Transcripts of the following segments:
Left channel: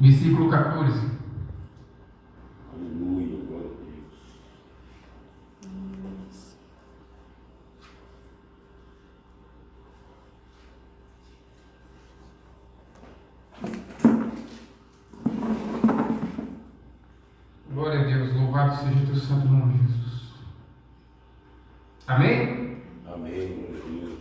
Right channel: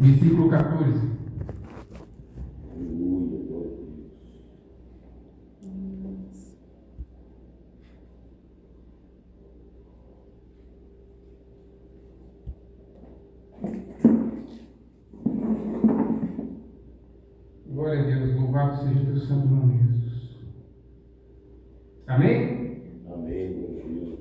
versículo 14. Aleluia, glória a Deus. Glória a Deus, louvado seja o teu santo nome, Jesus. Amém? Amém, glória a Deus.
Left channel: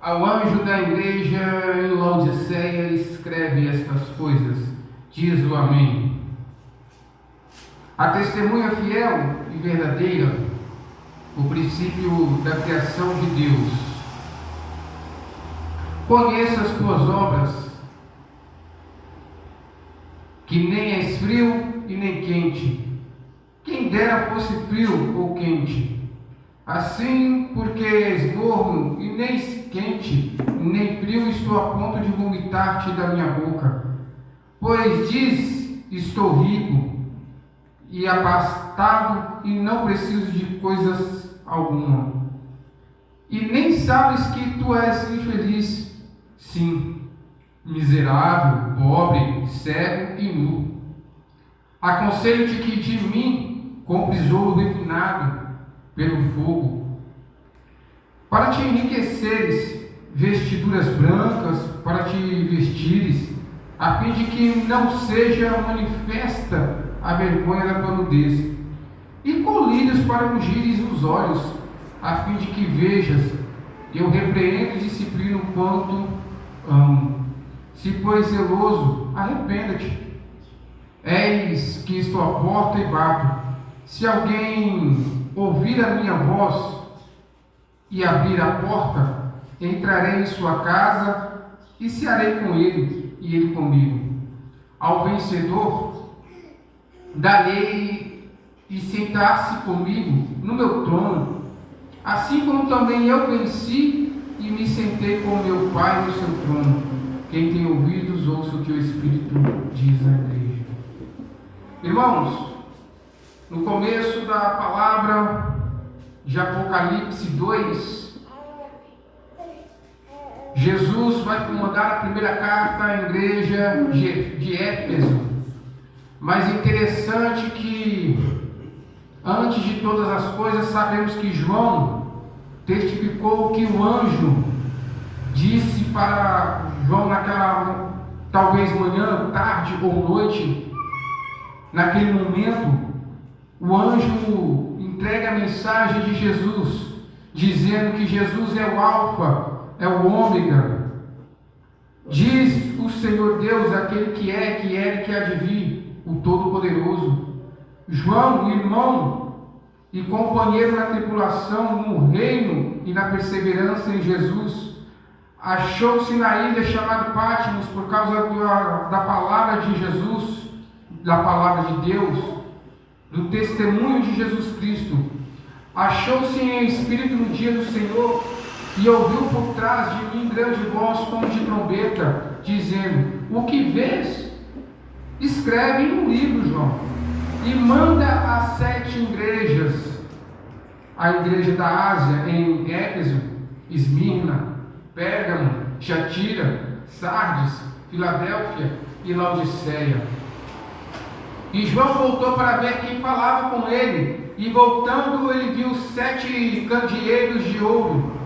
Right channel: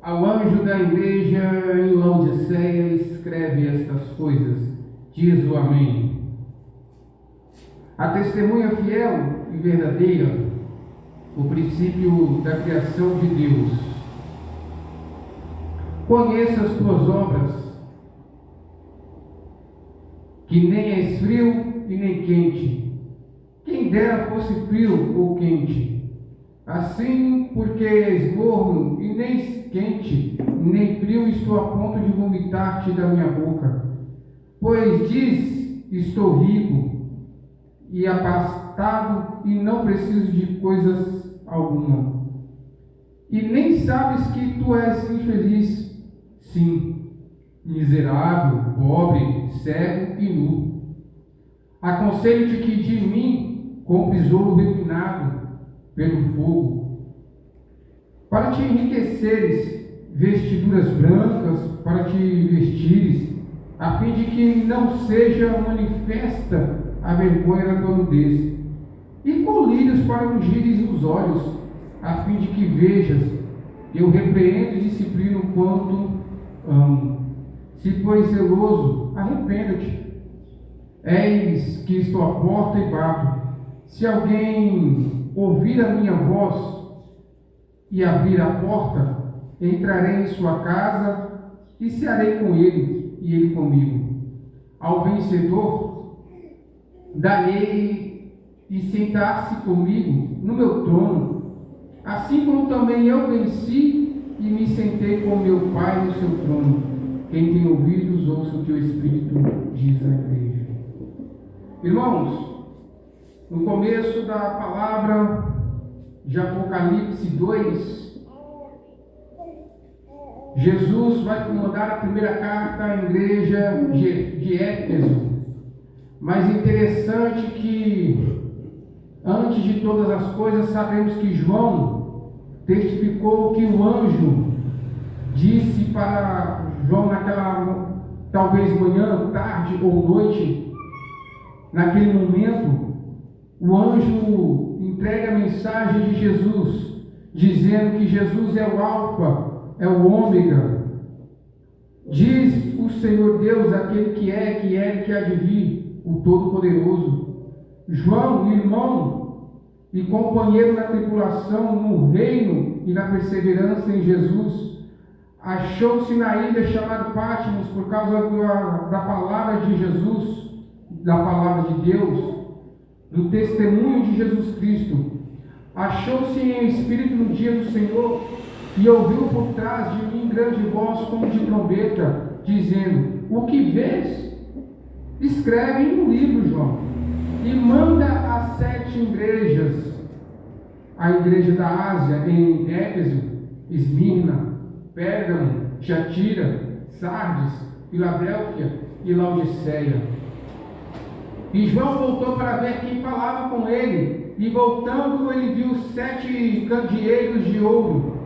Ao anjo da igreja em Laodiceia escreve estas coisas, diz o Amém. A testemunha fiel e verdadeira, o princípio da criação de Deus. Conheça as tuas obras, que nem és frio e nem quente. Quem dera fosse frio ou quente. Assim, porque és morno e nem quente, nem frio, estou a ponto de vomitar-te da minha boca. Pois diz, estou rico e abastado e não preciso de coisas alguma. E nem sabes que tu és infeliz, sim, miserável, pobre, cego e nu. Aconselho-te que de mim compres ouro refinado pelo fogo, para te enriqueceres, vestiduras brancas para te vestires, a fim de que não seja manifesta a vergonha da tua nudez, e colírios para ungires os olhos, a fim de que vejas. Eu repreendo e disciplino quanto amo. Se pois zeloso, arrependa-te. Eis que estou à porta e bato. Se alguém ouvir a minha voz e abrir a porta, entrarei em sua casa e cearei com ele e ele comigo. Ao vencedor darei e sentar-se comigo no meu trono, assim como também eu venci e me sentei com meu Pai no seu trono. Quem tem ouvidos, ouça o que o Espírito diz à igreja. Irmãos, no começo da palavra de Apocalipse 2, Jesus vai mandar a primeira carta à igreja de Éfeso. Mas interessante que, antes de todas as coisas, sabemos que João testificou que o anjo disse para João naquela, talvez manhã, tarde ou noite, naquele momento, o anjo entrega a mensagem de Jesus, dizendo que Jesus é o Alfa, é o Ômega. Diz o Senhor Deus, aquele que é e que há de vir, o Todo-Poderoso. João, irmão e companheiro na tribulação, no reino e na perseverança em Jesus, achou-se na ilha chamada Patmos por causa da palavra de Jesus, da palavra de Deus, do testemunho de Jesus Cristo. Achou-se em espírito no dia do Senhor e ouviu por trás de mim grande voz como de trombeta, dizendo: o que vês? Escreve em um livro, João, e manda às 7 igrejas: a igreja da Ásia em Éfeso, Esmirna, Pérgamo, Tiatira, Sardes, Filadélfia e Laodiceia. E João voltou para ver quem falava com ele, e voltando ele viu 7 candeeiros de ouro.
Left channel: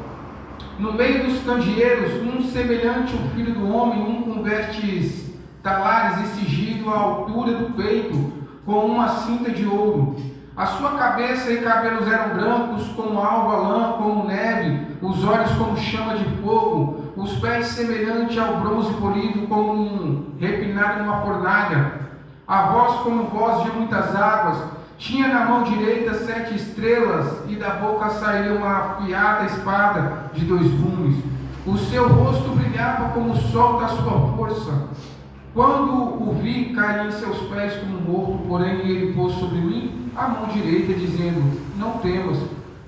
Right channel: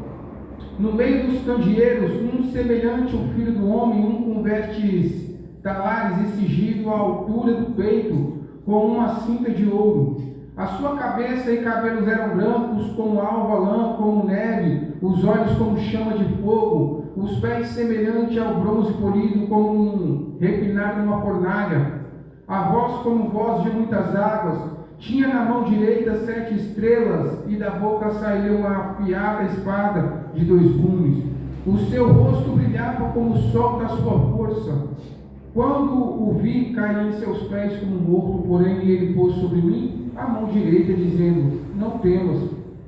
No meio dos candeeiros, um semelhante ao filho do homem, um com vestes talares e cingido à altura do peito, com uma cinta de ouro. A sua cabeça e cabelos eram brancos como alva lã, como neve, os olhos como chama de fogo, os pés semelhante ao bronze polido, como um refinado em uma fornalha, a voz como voz de muitas águas. Tinha na mão direita 7 estrelas, e da boca saía uma afiada espada de 2 gumes. O seu rosto brilhava como o sol da sua força. Quando o vi, caí em seus pés como morto, porém ele pôs sobre mim a mão direita, dizendo: não temas,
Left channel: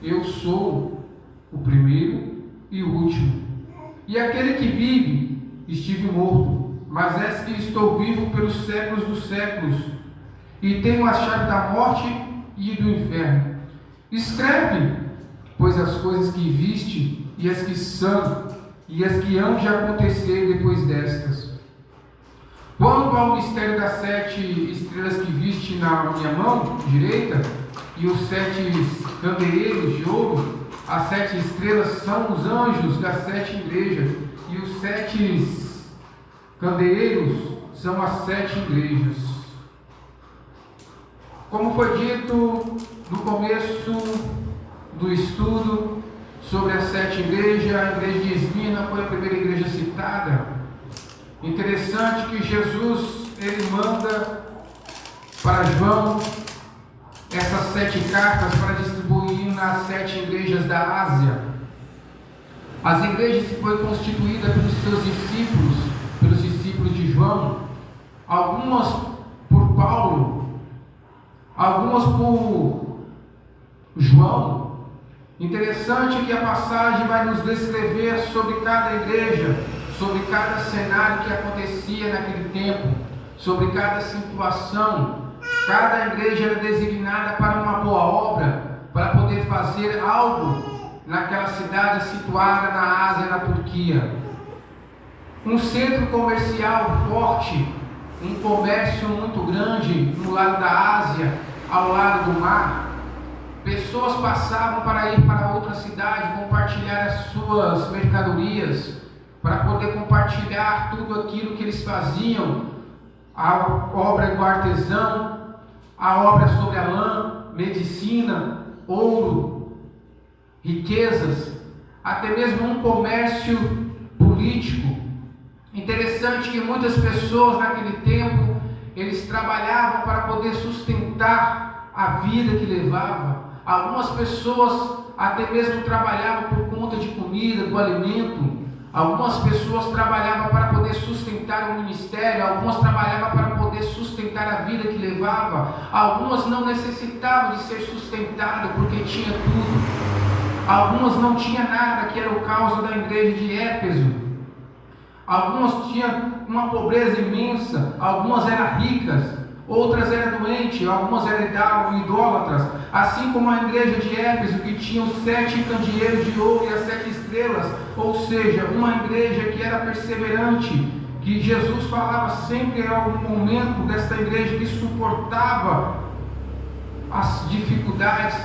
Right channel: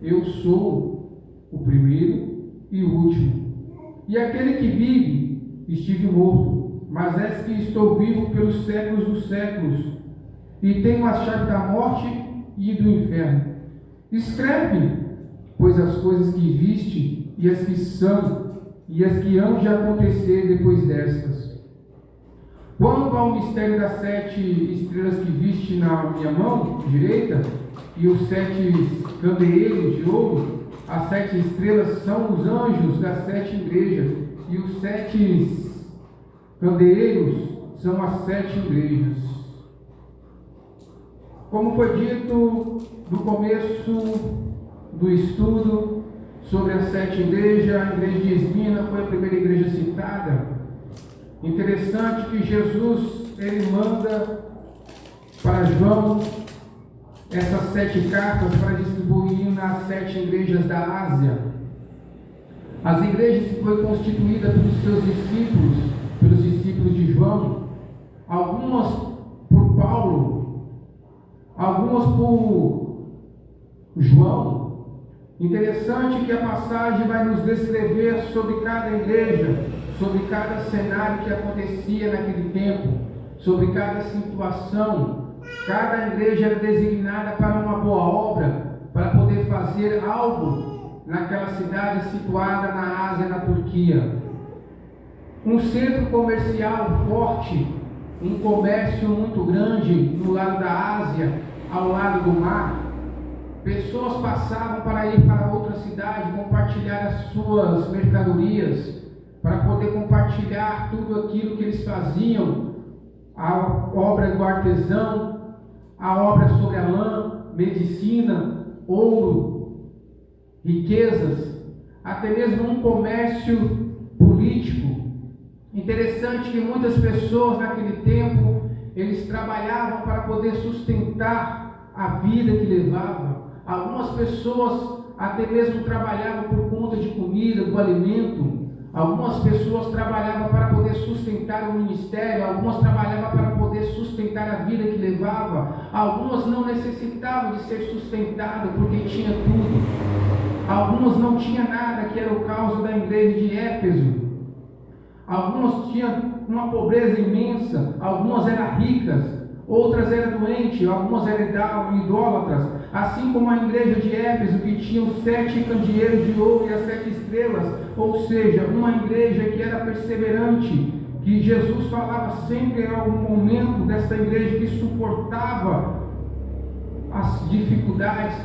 eu sou o primeiro e o último, e aquele que vive. Estive morto, mas és que estou vivo pelos séculos dos séculos, e tenho a chave da morte e do inferno. Escreve, pois as coisas que viste e as que são e as que hão de acontecer depois destas. Quanto ao mistério das 7 estrelas que viste na minha mão direita e os 7 candeeiros de ouro, as 7 estrelas são os anjos das 7 igrejas e os 7 candeeiros são as 7 igrejas. Como foi dito no começo do estudo sobre as 7 igrejas, a igreja de Esmirna foi a primeira igreja citada. Interessante que Jesus, ele manda para João essas 7 cartas para distribuir nas 7 igrejas da Ásia. As igrejas que foi constituída pelos seus discípulos, pelos discípulos de João, algumas por Paulo, algumas por João. Interessante que a passagem vai nos descrever sobre cada igreja, sobre cada cenário que acontecia naquele tempo, sobre cada situação. Cada igreja era designada para uma boa obra, para poder fazer algo naquela cidade situada na Ásia, na Turquia. Um centro comercial forte, um comércio muito grande no lado da Ásia, ao lado do mar. Pessoas passavam para ir para outra cidade, compartilhar as suas mercadorias, para poder compartilhar tudo aquilo que eles faziam, a obra do artesão, a obra sobre a lã, medicina, ouro, riquezas, até mesmo um comércio político. Interessante que muitas pessoas naquele tempo, eles trabalhavam para poder sustentar a vida que levava. Algumas pessoas até mesmo trabalhavam por conta de comida, do alimento. Algumas pessoas trabalhavam para poder sustentar o ministério, algumas trabalhavam para poder sustentar a vida que levava, algumas não necessitavam de ser sustentadas porque tinha tudo, algumas não tinham nada, que era o caso da igreja de Éfeso, algumas tinham uma pobreza imensa, algumas eram ricas, outras eram doentes, algumas eram idólatras, assim como a igreja de Éfeso, que tinha os 7 candeeiros de ouro e as 7 estrelas, ou seja, uma igreja que era perseverante, que Jesus falava sempre, era um momento dessa igreja que suportava as dificuldades,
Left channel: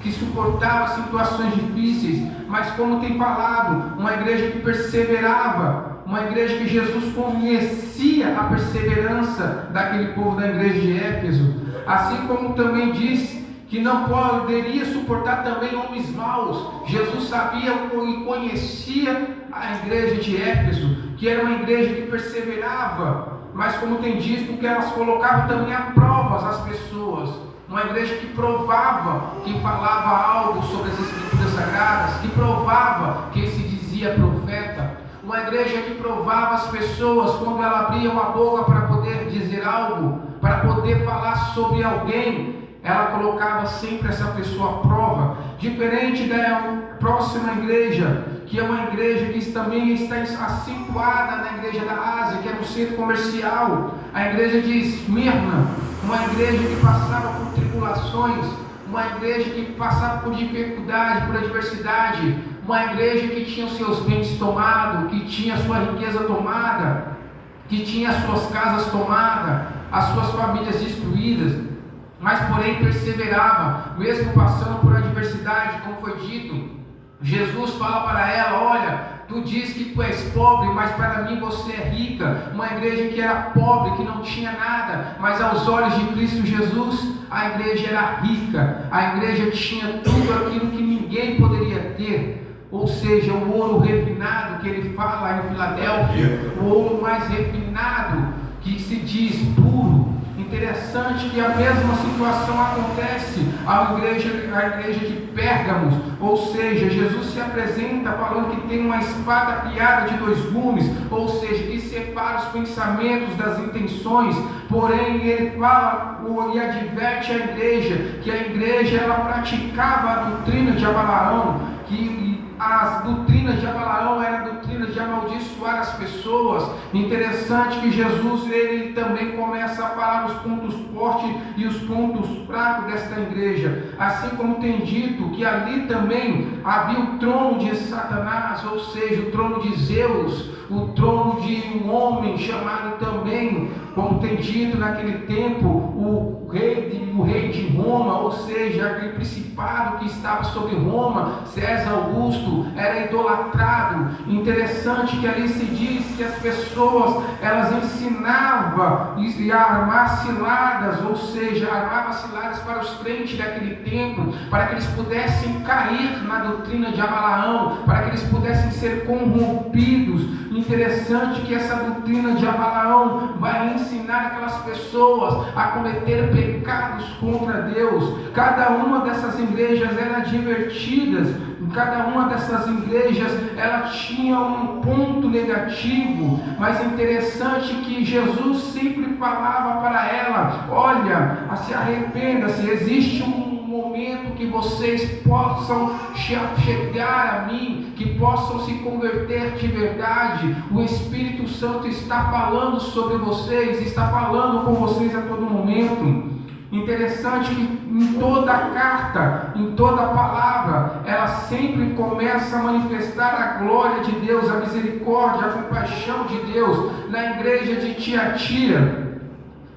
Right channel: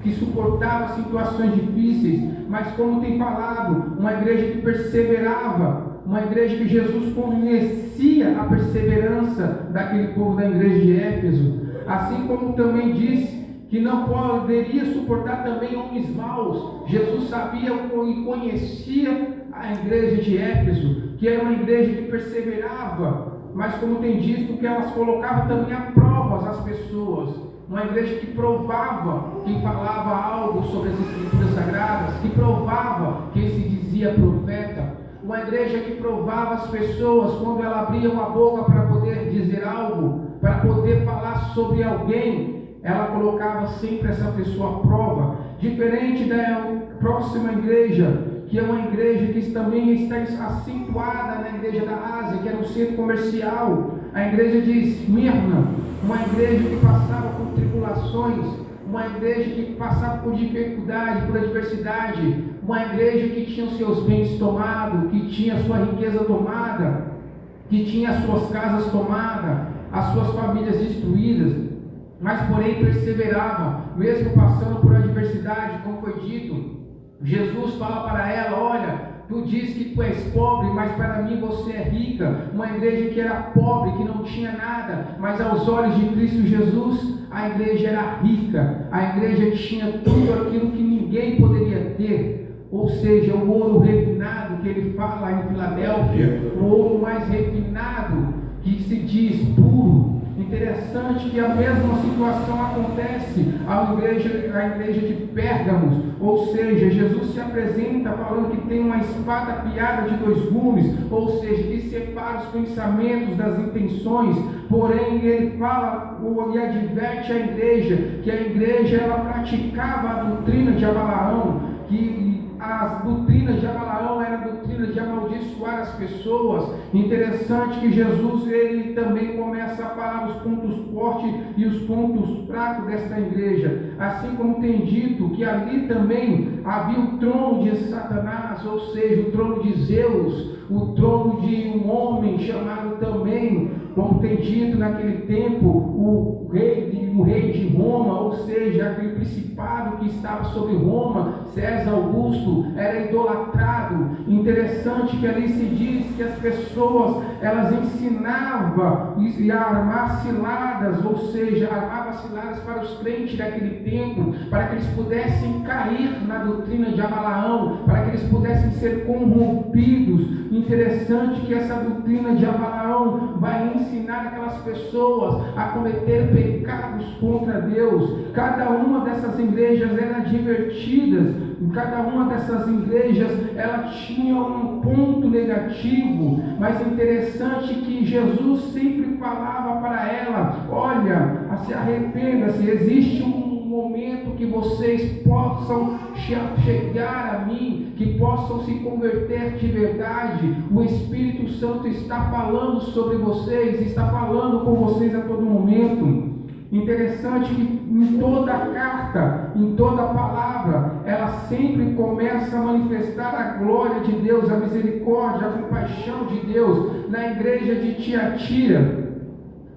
que suportava situações difíceis, mas como tem falado, uma igreja que perseverava, uma igreja que Jesus conhecia a perseverança daquele povo da igreja de Éfeso, assim como também diz que não poderia suportar também homens maus. Jesus sabia e conhecia a igreja de Éfeso, que era uma igreja que perseverava, mas como tem dito, que elas colocavam também a provas as pessoas, uma igreja que provava quem falava algo sobre as escrituras sagradas, que provava quem se dizia profeta, uma igreja que provava as pessoas quando ela abria uma boca para poder dizer algo, para poder falar sobre alguém, ela colocava sempre essa pessoa à prova, diferente da próxima igreja, que é uma igreja que também está situada na igreja da Ásia, que era um centro comercial, a igreja de Esmirna, uma igreja que passava por tribulações, uma igreja que passava por dificuldade, por adversidade, uma igreja que tinha os seus bens tomados, que tinha a sua riqueza tomada, que tinha as suas casas tomadas, as suas famílias destruídas, mas porém perseverava, mesmo passando por adversidade, como foi dito. Jesus fala para ela: olha, tu diz que tu és pobre, mas para mim você é rica. Uma igreja que era pobre, que não tinha nada, mas aos olhos de Cristo Jesus, a igreja era rica, a igreja tinha tudo aquilo que ninguém poderia ter, ou seja, o ouro refinado que ele fala em Filadélfia, o ouro mais refinado, que se diz puro. Interessante que a mesma situação acontece à igreja de Pérgamos, ou seja, Jesus se apresenta falando que tem uma espada afiada de 2 gumes, ou seja, que separa os pensamentos das intenções, porém ele fala e adverte a igreja, que a igreja ela praticava a doutrina de Balaão, que as doutrinas de Balaão eram doutrinas de amaldiçoar as pessoas. Interessante que Jesus, ele também começa a falar os pontos fortes e os pontos fracos desta igreja. Assim como tem dito que ali também havia o trono de Satanás, ou seja, o trono de Zeus, o trono de um homem chamado também, como tem dito naquele tempo, o rei de Roma, ou seja, aquele principado que estava sobre Roma, César Augusto, era idolatrado. Interessante que ali se diz que as pessoas, elas ensinavam a armar ciladas, ou seja, armavam ciladas para os crentes daquele tempo, para que eles pudessem cair na doutrina de Balaão, para que eles pudessem ser corrompidos. Interessante que essa doutrina de Balaão vai ensinar aquelas pessoas a cometer pecados contra Deus. Cada uma dessas igrejas era divertidas, cada uma dessas igrejas ela tinha um ponto negativo, mas é interessante que Jesus sempre falava para ela: olha, se arrependa-se, existe um momento que vocês possam chegar a mim, que possam se converter de verdade. O Espírito Santo está falando sobre vocês, está falando com vocês a todo momento. Interessante que em toda a carta, em toda a palavra, ela sempre começa a manifestar a glória de Deus, a misericórdia, a compaixão de Deus. Na igreja de Tiatira,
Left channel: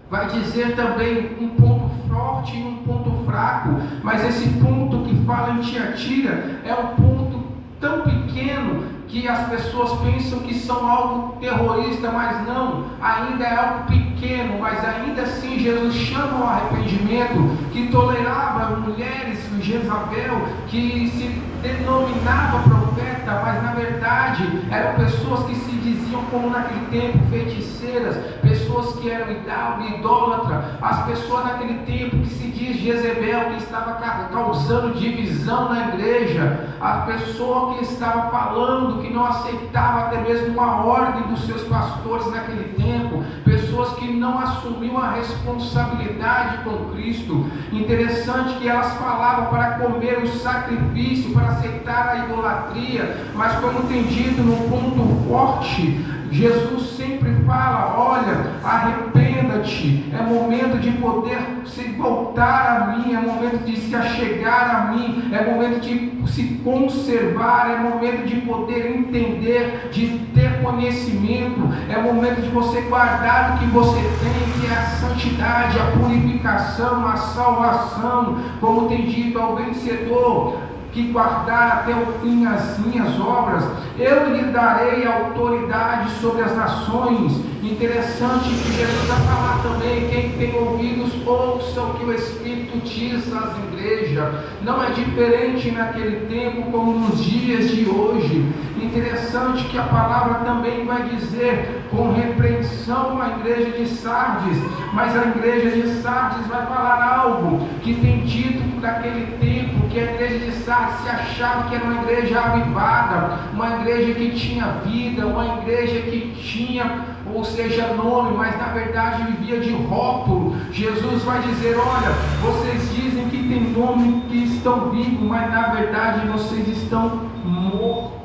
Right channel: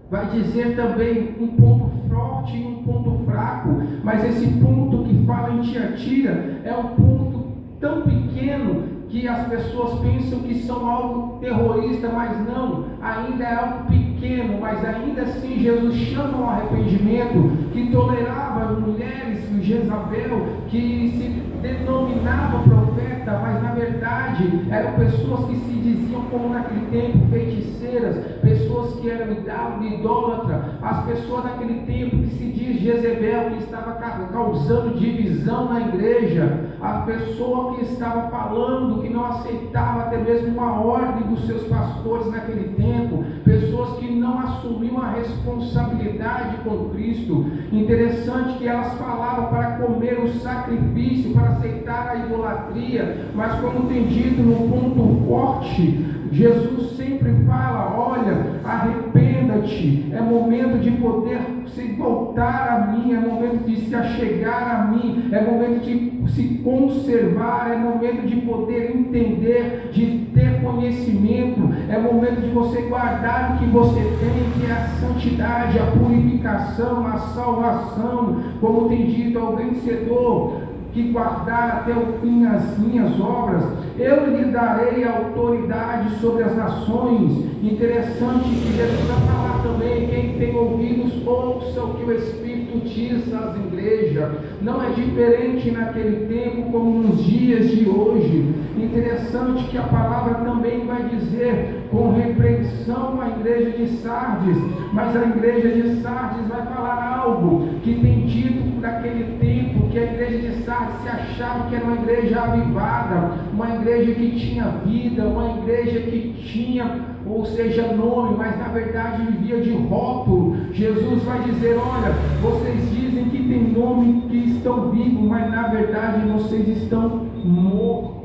vai dizer também um ponto forte e um ponto fraco, mas esse ponto que fala em Tiatira é um ponto tão pequeno que as pessoas pensam que são algo terrorista, mas não, ainda é algo pequeno, mas ainda assim Jesus chama o arrependimento, que tolerava mulheres, Jezabel, que se denominava profeta, mas na verdade eram pessoas que se diziam, como naquele tempo, feiticeiras, pessoas que eram idólatras, as pessoas naquele tempo que se diz Jezebel, que estava causando divisão na igreja, a pessoa que estava falando, que não aceitava até mesmo uma ordem dos seus pastores naquele tempo, pessoas que não assumiam a responsabilidade com Cristo. Interessante que elas falavam para comer o sacrifício, para aceitar a idolatria, mas como tem dito no ponto forte, Jesus sempre fala: olha, arrependa-te, é momento de poder se voltar a mim, é momento de se achegar a mim, é momento de se conservar, é momento de poder entender, de ter conhecimento, é momento de você guardar o que você tem, que é a santidade, a purificação, a salvação, como tem dito ao vencedor que guardar até o fim as minhas obras, eu lhe darei autoridade sobre as nações. Interessante que Jesus vai falar também: quem tem ouvidos, ouçam o que o Espírito diz às igrejas. Não é diferente naquele tempo como nos dias de hoje. Interessante que a palavra também vai dizer com repreensão à igreja de Sardes, mas a igreja de Sardes vai falar algo que tem dito naquele tempo, que a igreja de Sardes se achava que era uma igreja avivada, uma igreja que tinha vida, uma igreja que tinha, ou seja, nome, mas na verdade vivia de rótulo. Jesus vai dizer: olha, vocês dizem que tem nome, que estão vivos, mas na verdade vocês estão mortos.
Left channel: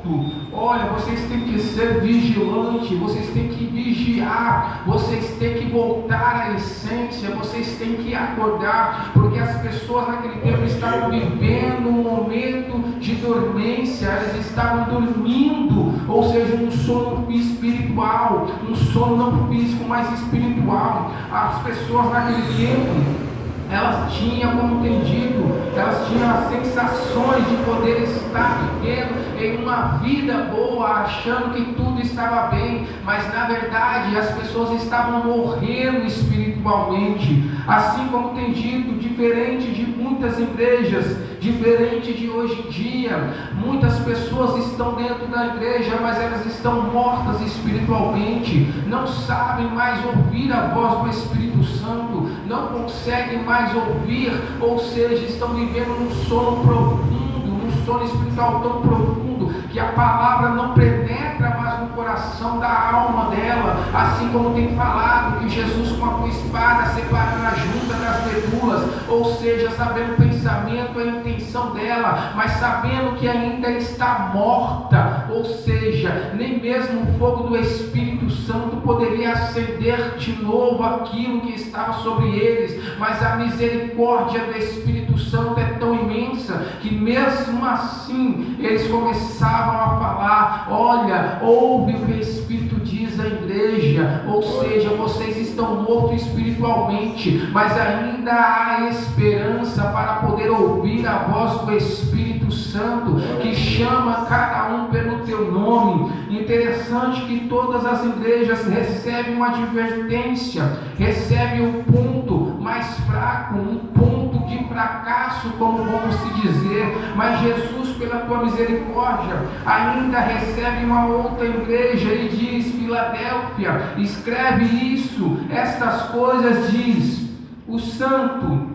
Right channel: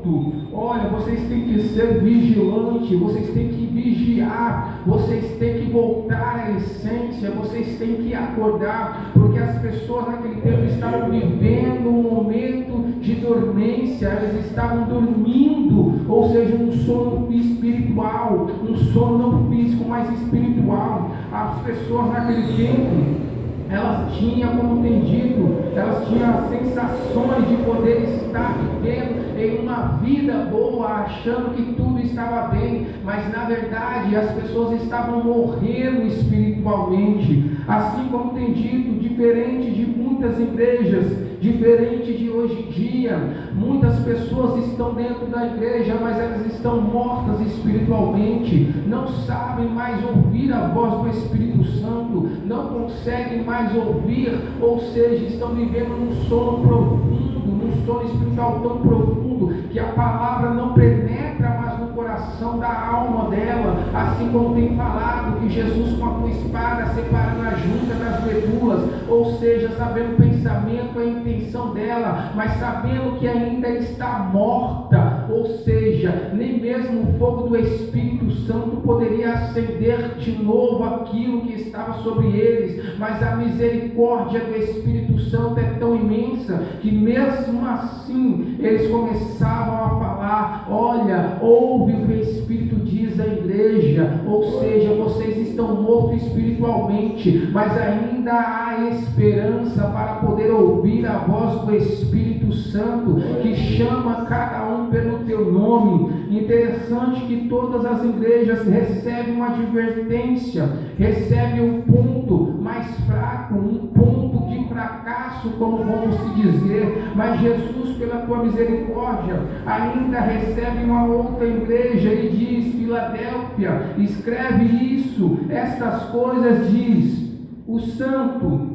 Olha, vocês têm que ser vigilantes, vocês têm que vigiar, vocês têm que voltar à essência, vocês têm que acordar, porque as pessoas naquele tempo estavam vivendo um momento de dormência, elas estavam dormindo, ou seja, um sono espiritual, um sono não físico, mas espiritual. As pessoas naquele tempo, elas tinham, como tem dito, elas tinham as sensações de poder estar vivendo em uma vida boa, achando que tudo estava bem, mas na verdade as pessoas estavam morrendo espiritualmente. Assim como tem dito, diferente de muitas igrejas, diferente de hoje em dia, muitas pessoas estão dentro da igreja, mas elas estão mortas espiritualmente, não sabem mais ouvir a voz do Espírito Santo, não conseguem mais ouvir, ou seja, estão vivendo num sono profundo, num sono espiritual tão profundo, que a palavra não penetra mais no coração da alma dela, assim como tem falado que Jesus com a espada separando a junta das medulas, ou seja, sabendo o pensamento, a intenção dela, mas sabendo que ainda está morta, ou seja, nem mesmo o fogo do Espírito Santo poderia acender de novo aquilo que estava sobre eles, mas a misericórdia do Espírito Santo é tão imensa, que mesmo assim, eles começavam a falar: olha, ouve o que o Espírito diz à igreja, ou seja, vocês estão mortos espiritualmente, mas ainda há esperança para poder ouvir a voz do Espírito Santo, que chama cada um pelo teu nome. Interessante que todas as igrejas recebem uma advertência, recebem um ponto mais fraco, um ponto de fracasso, como vamos se dizer, mas Jesus, pela tua misericórdia, ainda recebe uma outra igreja e diz: Filadélfia, escreve isso, estas coisas diz o santo,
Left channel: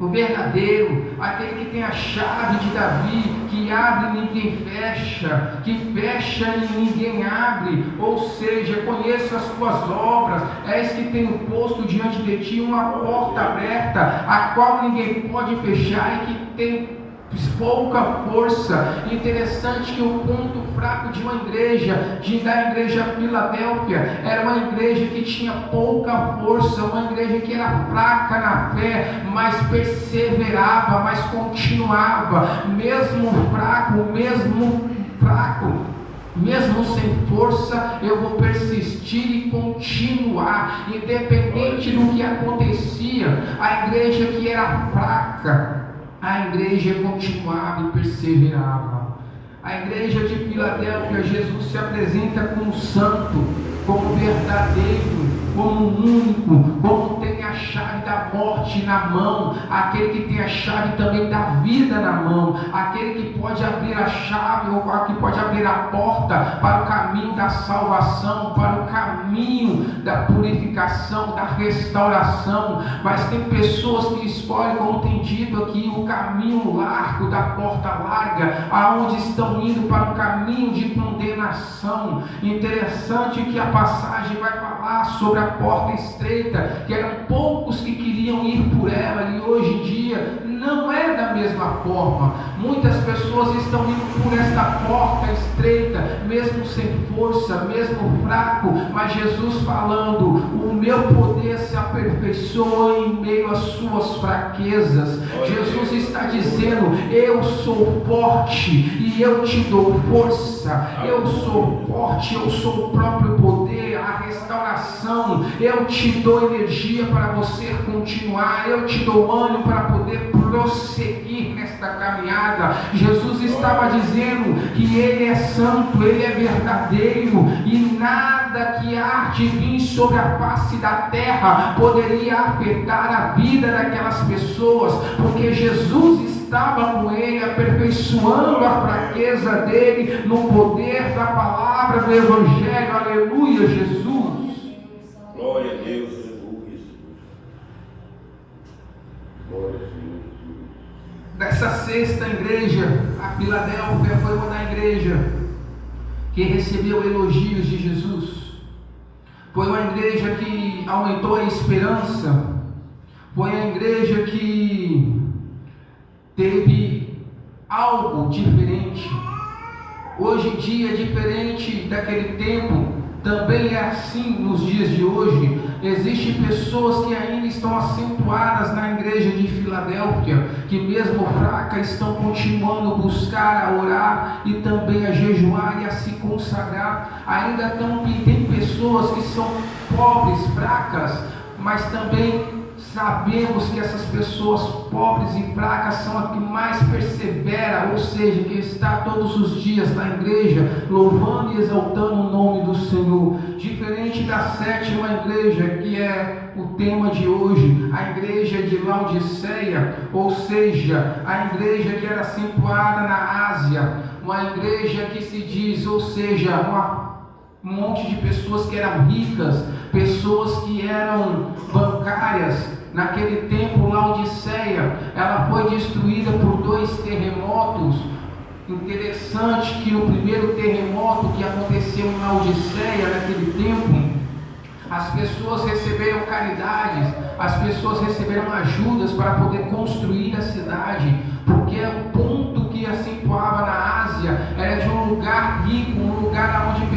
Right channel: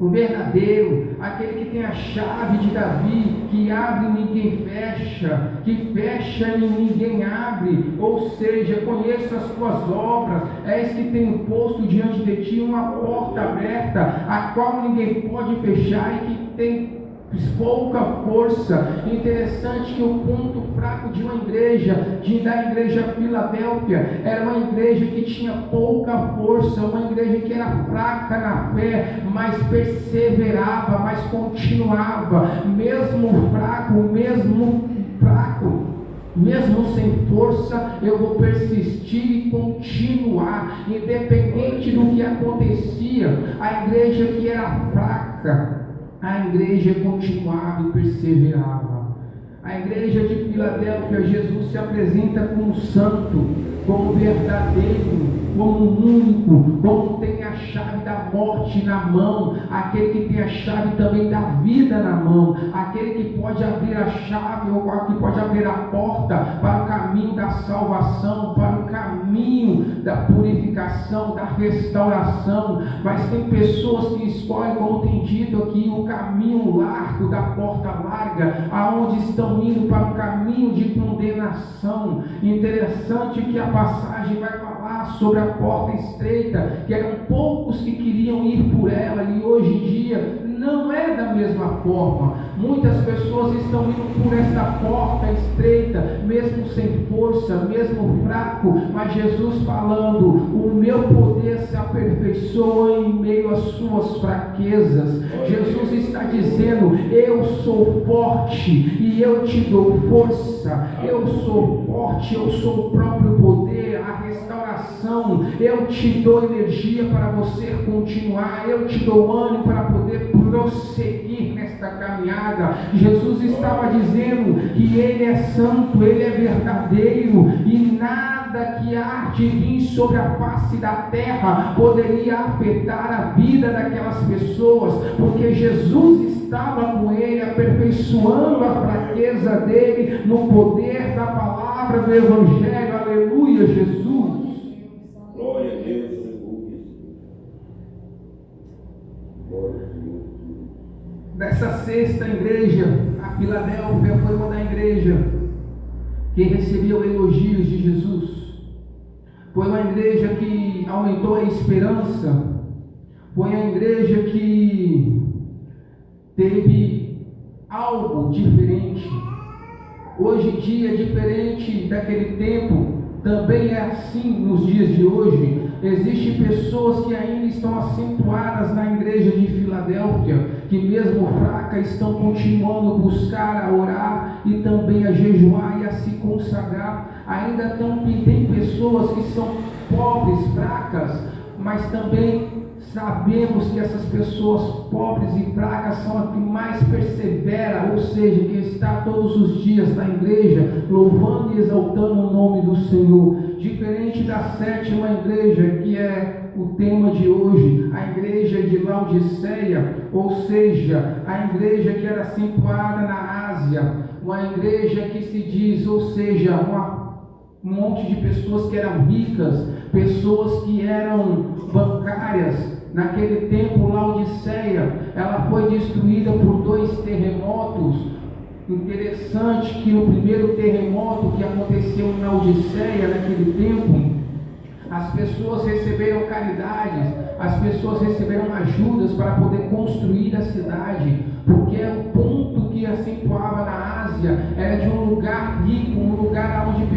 o verdadeiro, aquele que tem a chave de Davi, que abre e ninguém fecha, que fecha e ninguém abre, ou seja, conheço as tuas obras, és que tenho posto diante de ti uma porta aberta, a qual ninguém pode fechar, e que tem pouca força. Interessante que o ponto fraco de uma igreja, da igreja Filadélfia, era uma igreja que tinha pouca força, uma igreja que era fraca na fé, mas perseverava, mas continuava, mesmo fraco, mesmo sem força, eu vou persistir e continuar, independente do que acontecia. A igreja que era fraca, a igreja continuava e perseverava. A igreja de Filadélfia, Jesus se apresenta como santo, como verdadeiro, como único, como tem a chave da morte na mão, aquele que tem a chave também da vida na mão, aquele que pode abrir a chave, ou que pode abrir a porta para o caminho da salvação, para o caminho da purificação, da restauração. Mas tem pessoas que escolhem, como tem dito aqui, o caminho largo, da porta larga, aonde estão indo para o caminho de condenação. Interessante que a passagem vai falar sobre a porta estreita, que eram poucos que queriam ir por ela, e hoje em dia não é da mesma forma. Muitas pessoas estão indo por esta porta estreita, mesmo sem força, mesmo fraco, mas Jesus falando: o meu poder se aperfeiçoa em meio às suas fraquezas. Jesus está dizendo: eu sou forte e eu te dou força, eu sou forte, eu sou o próprio poder, a restauração, eu te dou energia para você continuar, eu te dou ânimo para poder prosseguir nesta caminhada. Jesus estava dizendo que Ele é santo, Ele é verdadeiro, e nada que há de vir sobre a face da terra poderia afetar a vida daquelas pessoas, porque Jesus estava com ele, aperfeiçoando a fraqueza dele no poder da palavra do Evangelho. Aleluia, Jesus. Glória a Deus, aleluia. Glória a Deus. Dessa sexta igreja, a Filadélfia foi uma da igreja que recebeu elogios de Jesus. Foi uma igreja que aumentou a esperança. Foi a igreja que teve algo diferente. Hoje em dia, diferente daquele tempo, também é assim nos dias de hoje. Existem pessoas que ainda estão acentuadas na igreja de Filadélfia, que mesmo fraca estão continuando a buscar, a orar e também a jejuar e a se consagrar. Ainda tem pessoas que são pobres, fracas, mas também sabemos que essas pessoas pobres e fracas são as que mais perseveram, ou seja, que está todos os dias na igreja, louvando e exaltando o nome do Senhor. Diferente da sétima igreja, que é o tema de hoje, a igreja de Laodiceia, ou seja, a igreja que era situada na Ásia, uma igreja que se diz, ou seja, um monte de pessoas que eram ricas, pessoas que eram bancárias. Naquele tempo, Laodiceia, ela foi destruída por 2 terremotos. Interessante que o primeiro terremoto que aconteceu em Laodiceia, naquele tempo, as pessoas receberam caridades, as pessoas receberam ajudas para poder construir a cidade, porque o ponto que acentuava na Ásia era de um lugar rico, um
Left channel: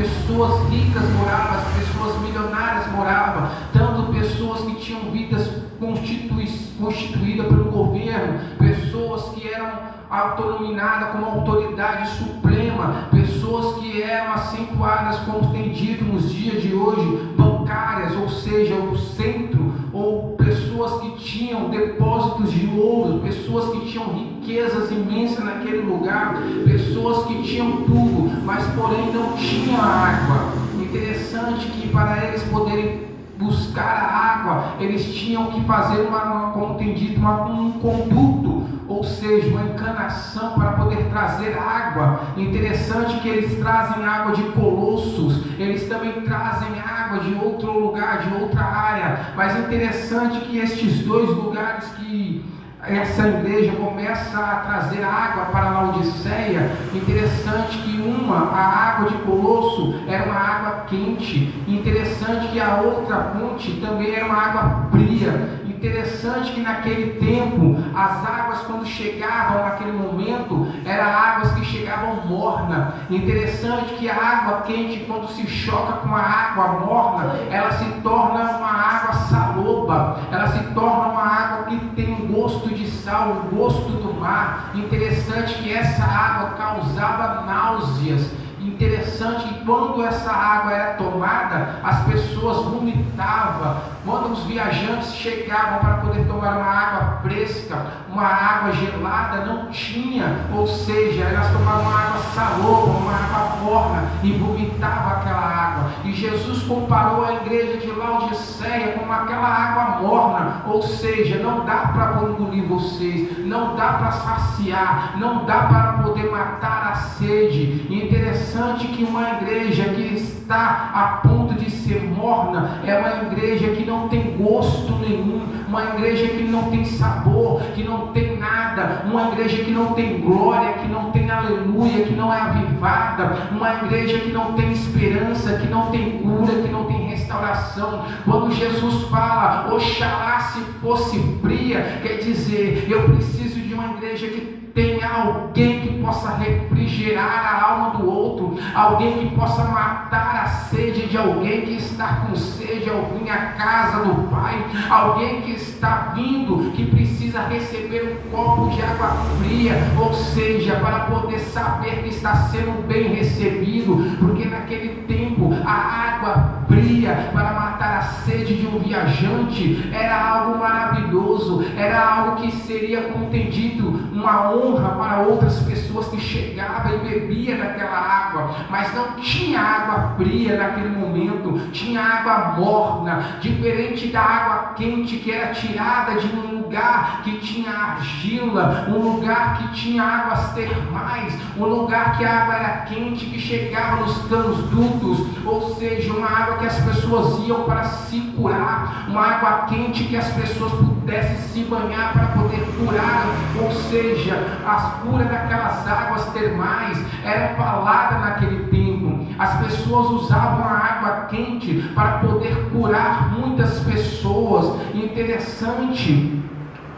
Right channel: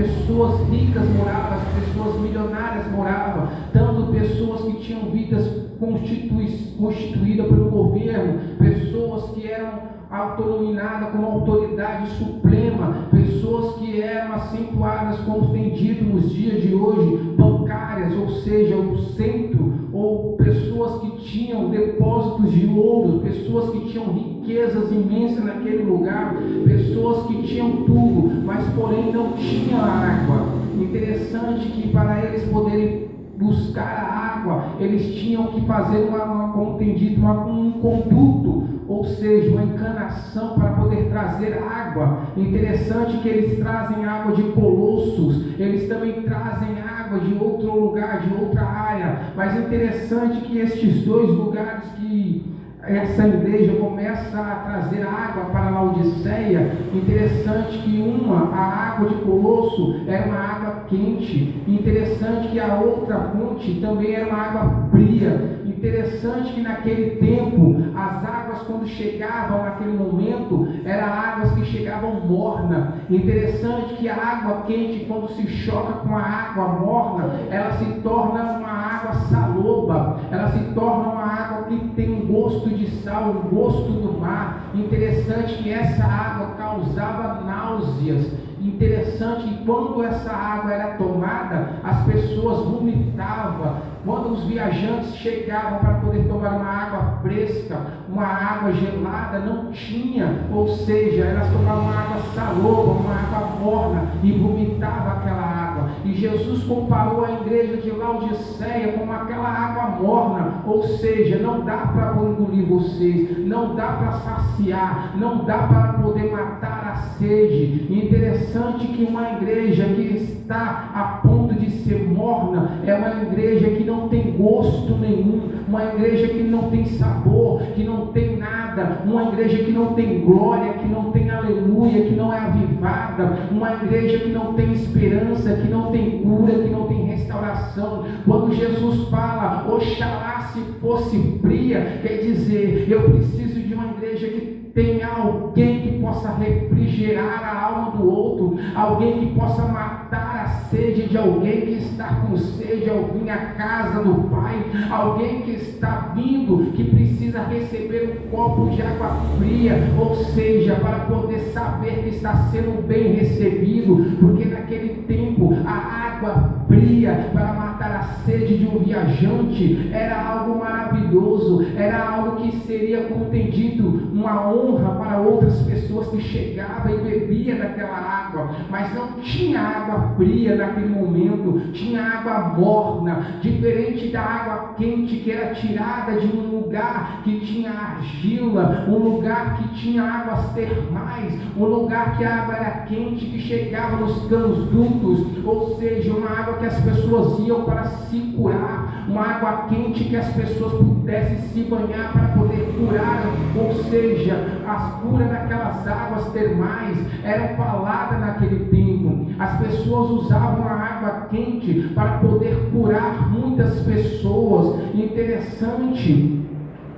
pessoas ricas moravam, as pessoas milionárias moravam, tanto pessoas que tinham vidas constituídas pelo governo, pessoas que eram autonominadas como autoridade suprema, pessoas que eram acentuadas, como tem dito nos dias de hoje, bancárias, ou seja, o centro, ou pessoas que tinham depósitos de ouro, pessoas que tinham riquezas imensas naquele lugar, pessoas que tinham tudo, mas porém não tinha água. Interessante que para eles poderem buscar a água, eles tinham que fazer como tem dito, um conduto, ou seja, uma encanação para poder trazer água. Interessante que eles trazem água de Colossos, eles também trazem água de outro lugar, de outra área, mas interessante que estes dois lugares que essa igreja começa a trazer água para a Laodiceia, interessante que a água de Colosso era uma água quente, interessante que a outra fonte também era uma água fria, interessante que naquele tempo, as águas quando chegavam naquele momento, eram águas que chegavam morna, interessante que a água quente quando se choca com a água morna, ela se torna uma água saloba, ela se torna uma água que tem um gosto de sal, o gosto do mar. Interessante que essa água causava náuseas. Interessante que quando essa água era tomada, as pessoas vomitavam. Quando os viajantes chegavam para poder tomar uma água fresca, uma água gelada, não tinha, ou seja, elas tomavam uma água saloba, uma água morna e vomitavam aquela água. E Jesus comparou a igreja de Laodiceia com aquela água morna, ou seja, não dá para engolir vocês, não dá para saciar, não dá para poder matar a sede. E interessante que uma igreja que está a ponto de ser morna é uma igreja que não tem gosto nenhum, uma igreja que não tem sabor, que não tem nada, uma igreja que não tem glória, que não tem aleluia, que não é avivada, uma igreja que não tem esperança, que não tem cura, que não tem restauração. Quando Jesus fala, oxalá se fosse fria, quer dizer, eu preciso de uma igreja que tenha alguém que possa refrigerar a alma do outro, alguém que possa matar a sede de alguém que está com sede ao vir à casa do Pai, alguém que está vindo, que precisa receber um copo de água fria, ou seja, para poder saber que está sendo bem recebido, porque naquele tempo a água fria para matar a sede de um viajante era algo maravilhoso, era algo que seria, como tem dito, uma honra para outras pessoas que chegavam e bebiam daquela água, mas não tinha água fria naquele momento, tinha água morna, diferente da água quente que era tirada de um lugar que tinha argila, um lugar que tinha águas termais, um lugar que a água era quente, que chegava nos canos-dutos, ou seja, uma água que as pessoas iam para se curar, uma água quente que as pessoas pudessem se banhar para poder curar, ou seja, as curas daquelas águas termais eram faladas naquele tempo. As pessoas usavam a água quente para poder curar muitas pessoas. Interessante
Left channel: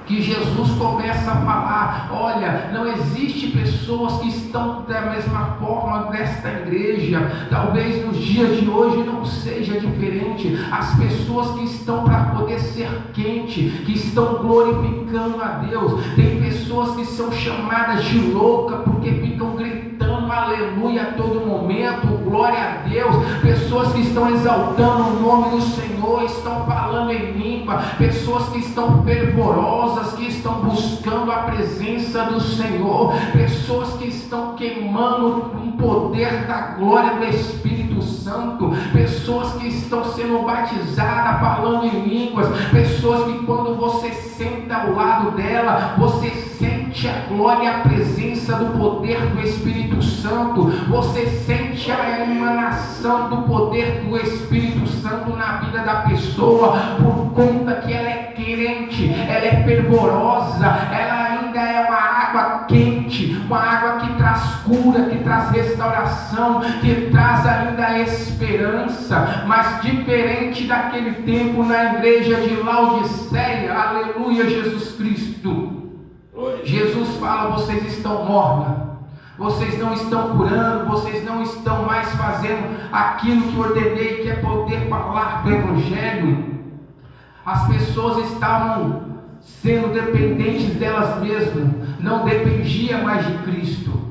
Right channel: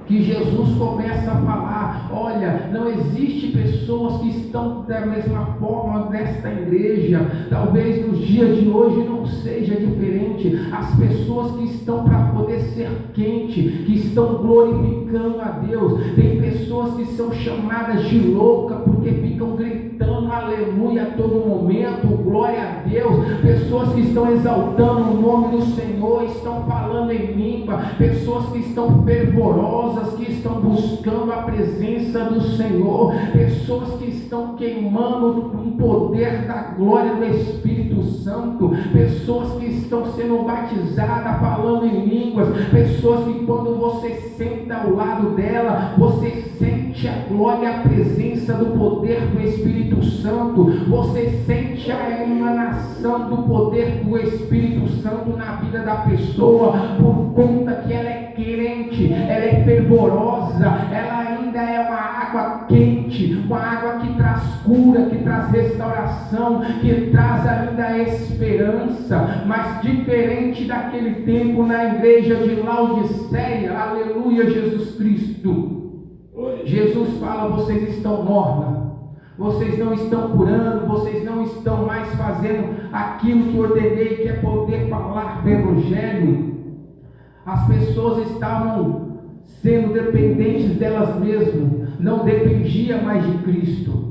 que Jesus começa a falar, olha, não existe pessoas que estão da mesma forma nesta igreja, talvez nos dias de hoje não seja diferente, as pessoas que estão para poder ser quente, que estão glorificando a Deus, tem pessoas que são chamadas de louca porque ficam gritando aleluia a todo momento, glória a Deus, pessoas que estão exaltando o nome do Senhor, estão falando em língua, pessoas que estão fervorosas, que estão buscando a presença do Senhor, pessoas que estão queimando um poder da glória do Espírito Santo, pessoas que estão sendo batizadas falando em línguas, pessoas que quando você senta ao lado dela, você sente a glória e a presença do poder do Espírito Santo, você sente a emanação do poder do Espírito Santo na vida da pessoa, por conta que ela é crente, ela é fervorosa, ela ainda é uma água quente, uma água que traz cura, que traz restauração, que traz ainda esperança. Mas diferente daquele tempo na igreja de Laodiceia, aleluia, Jesus Cristo, Jesus fala, vocês estão morna, vocês não estão curando, vocês não estão mais fazendo aquilo que ordenei, que é poder falar do Evangelho. As pessoas estavam sendo dependentes delas mesmas, não dependia mais de Cristo.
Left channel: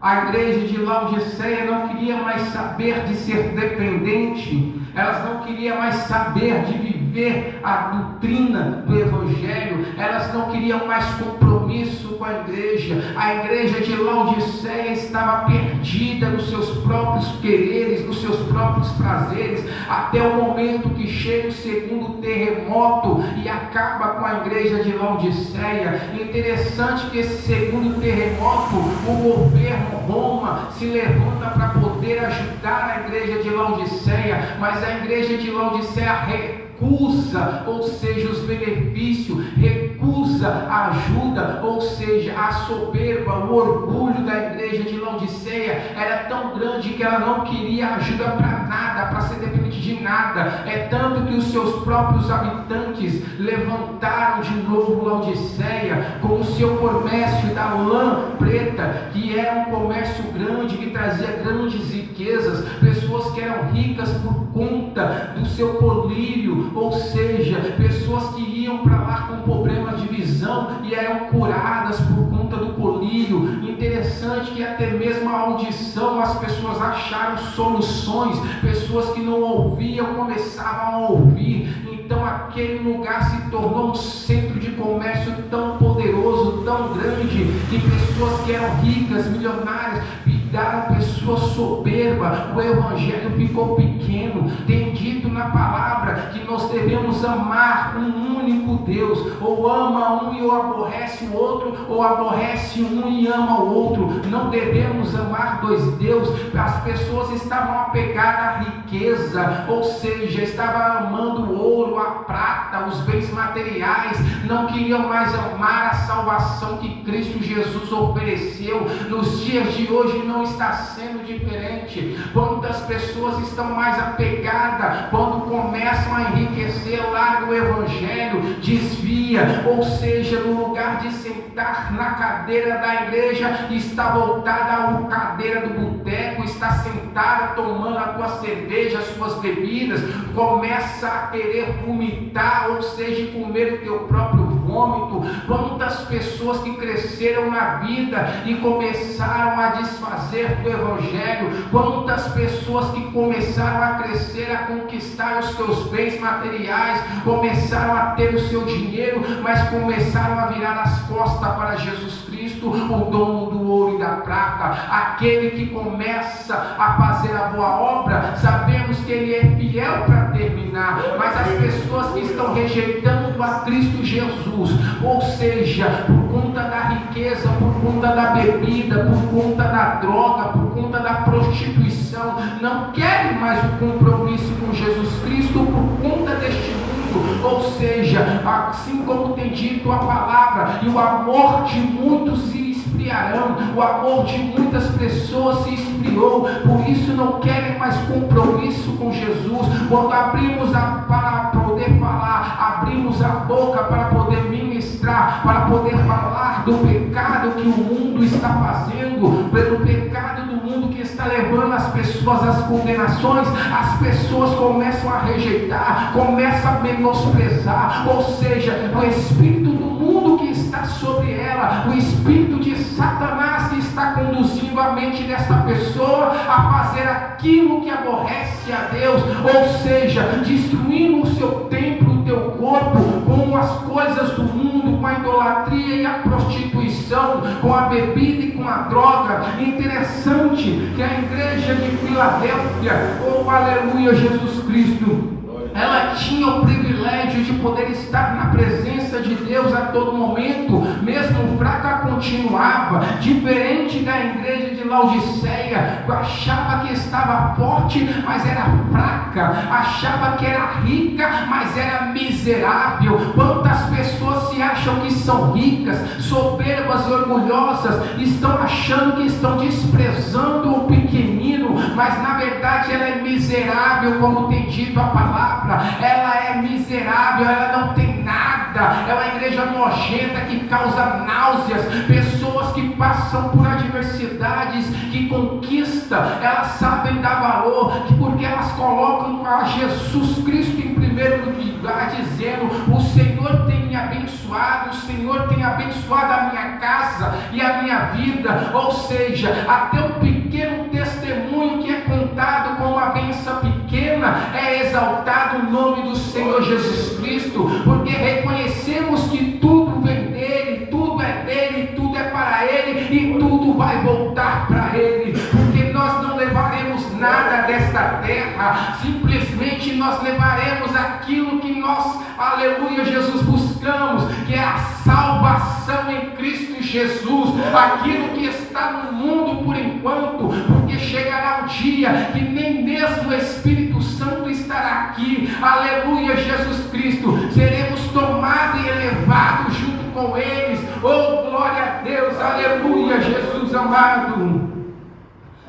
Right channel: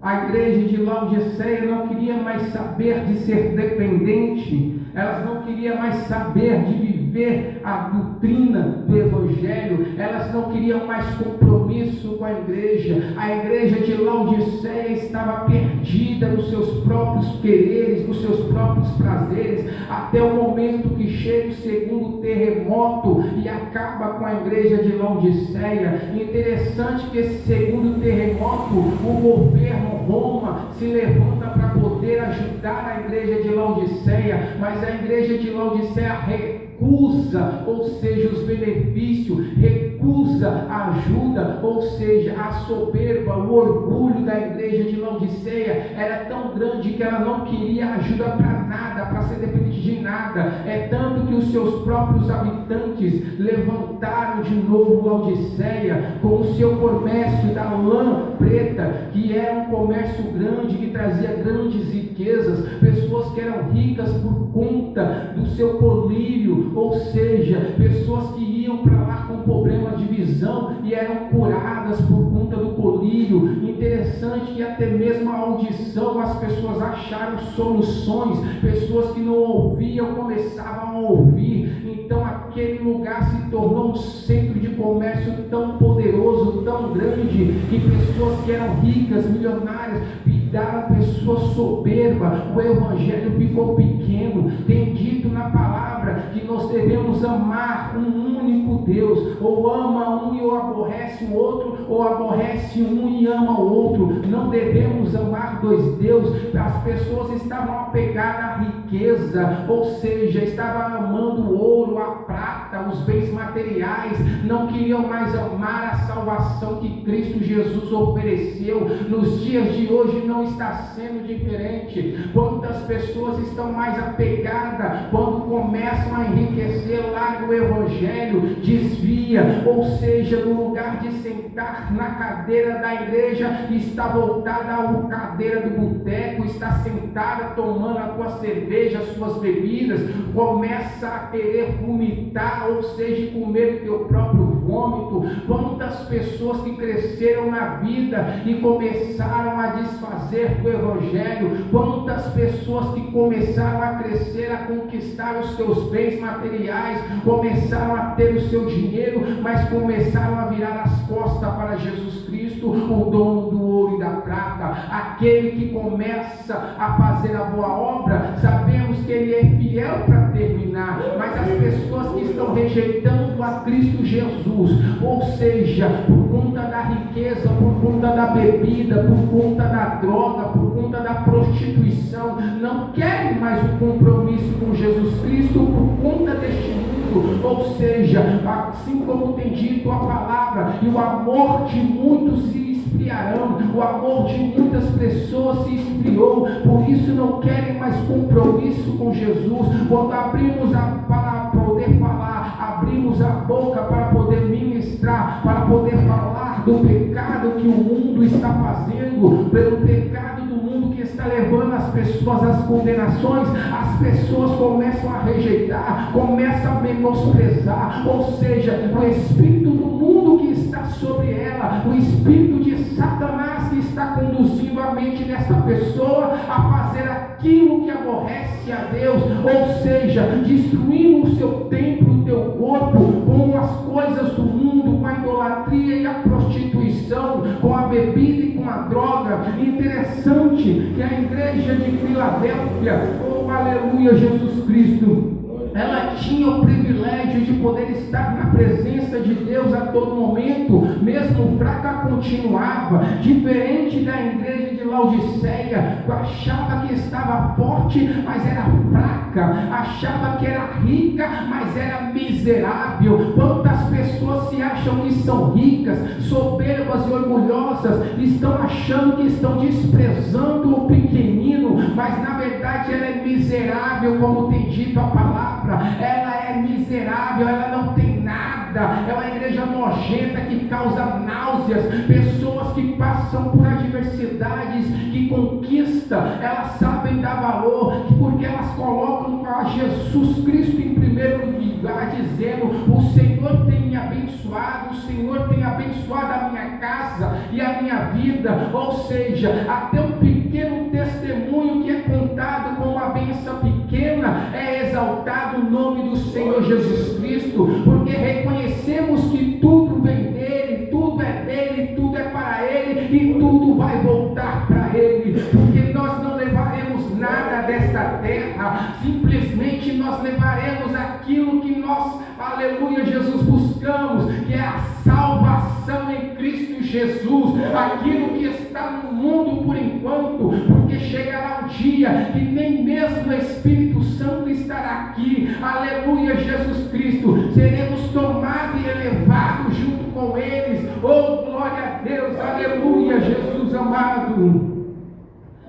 A igreja de Laodiceia não queria mais saber de ser dependente, elas não queriam mais saber de viver a doutrina do Evangelho, elas não queriam mais compromisso com a igreja. A igreja de Laodiceia estava perdida nos seus próprios quereres, nos seus próprios prazeres, até o momento que chega o segundo terremoto e acaba com a igreja de Laodiceia. Interessante que esse segundo terremoto, o governo Roma se levanta para poder ajudar a igreja de Laodiceia, mas a igreja de Laodiceia recusa, ou seja, os benefícios, recusa a ajuda, ou seja, a soberba, o orgulho da igreja de Laodiceia era tão grande que ela não queria ajuda para nada, para ser dependente de nada. É tanto que os seus próprios habitantes levantaram de novo Laodiceia com o seu comércio da lã preta, que era um comércio grande, que trazia grandes riquezas, pessoas que eram ricas por conta do seu colírio, ou seja, pessoas que iam para lá com problemas de visão e eram curadas por conta do colírio. Interessante que até mesmo a audição as pessoas acharam soluções, pessoas que não ouviam começavam a ouvir. Então aquele lugar se tornou um centro de comércio tão poderoso, tão grande, que pessoas que eram ricas, milionárias, viraram pessoas soberbas. O evangelho ficou pequeno. Tem dito na palavra que nós devemos amar um único Deus, ou ama um e aborrece o outro, ou aborrece um e ama o outro. Não devemos amar dois deuses. As pessoas estavam apegadas à riqueza, ou seja, estavam amando o ouro, a prata, os bens materiais, não queriam mais amar a salvação que Cristo Jesus ofereceu. Nos dias de hoje não está sendo diferente. Quantas pessoas estão mais apegadas, quando começam a enriquecer, larga o evangelho, desvia, ou seja, no lugar de sentar na cadeira da igreja, está voltada à cadeira do boteco, está sentada tomando a tua cerveja, as suas bebidas, começa a querer vomitar, ou seja, comer o teu próprio vômito. Quantas pessoas que cresceram na vida e começaram a desfazer do evangelho, quantas pessoas que começaram a crescer, a conquistar os seus bens materiais, começaram a ter o seu dinheiro, mas começaram a virar as costas para Jesus Cristo, o dono do ouro e da prata, aquele que começa a fazer a boa obra. Sabemos que ele é fiel para terminar, mas as pessoas que estão rejeitando a Cristo Jesus, ou seja, por conta da riqueza, por conta da bebida, por conta da droga, por conta da prostituição, não querem mais o compromisso com Jesus Cristo por conta deste mundo, ou seja, assim como tem dito a palavra, e o amor de muitos se esfriarão, o amor de muitas pessoas se esfriou, por isso não querem mais compromisso com Jesus. Quando abrimos para poder falar, abrimos a boca para poder ministrar, para poder falar do pecado que o mundo está fazendo, pelo pecado do mundo que está levando as pessoas às condenações, as pessoas começam a rejeitar, começam a menosprezar, ou seja, o espírito do mundo que está sobre ela, o espírito de Satanás que está conduzindo a mente desta pessoa a fazer aquilo que aborrece a Deus, ou seja, destruindo o seu templo, o teu corpo, com as coisas do mundo, com a idolatria e a prostituição, com a bebida e com a droga. Interessante que a igreja de Filadélfia, oh aleluia, Jesus Cristo, ela tinha o privilégio de poder estar na presença de Deus a todo momento, mesmo fraca continuava, diferente da igreja de Laodiceia, achava que estava forte, mas era fraca, achava que era rica, mas era miserável. Quantas pessoas se acham que são ricas, soberbas e orgulhosas, estão achando que estão desprezando o pequenino, mas na verdade ela é miserável, como tem dito a palavra. Ela é miserável, ela não tem nada, pesada, é uma igreja nojenta que causa náuseas. Pessoas que passam por adversidades, que conquistam, elas sabem dar valor, porque elas colocam a Jesus Cristo em primeiro lugar, dizendo: o Senhor tem me abençoado, o Senhor tem abençoado a minha casa e a minha vida. Ou seja, até um pequeno testemunho que é contado como uma bênção pequena, é exaltado o nome do Senhor Jesus Cristo, porque reconhecemos que tudo vem dele, tudo é dele, tudo é para ele e tudo vai voltar para ele, porque nós não levaremos nada desta terra, simplesmente nós levaremos aquilo que nós, aleluia, Jesus, buscamos, que é a salvação em Cristo Jesus, aquilo que está no mundo por enquanto, porque chegará um dia que nem mesmo o Espírito Santo estará aqui, aleluia, Jesus Cristo, seremos tomados e elevados junto com eles. Oh, glória a Deus, aleluia, Jesus amado.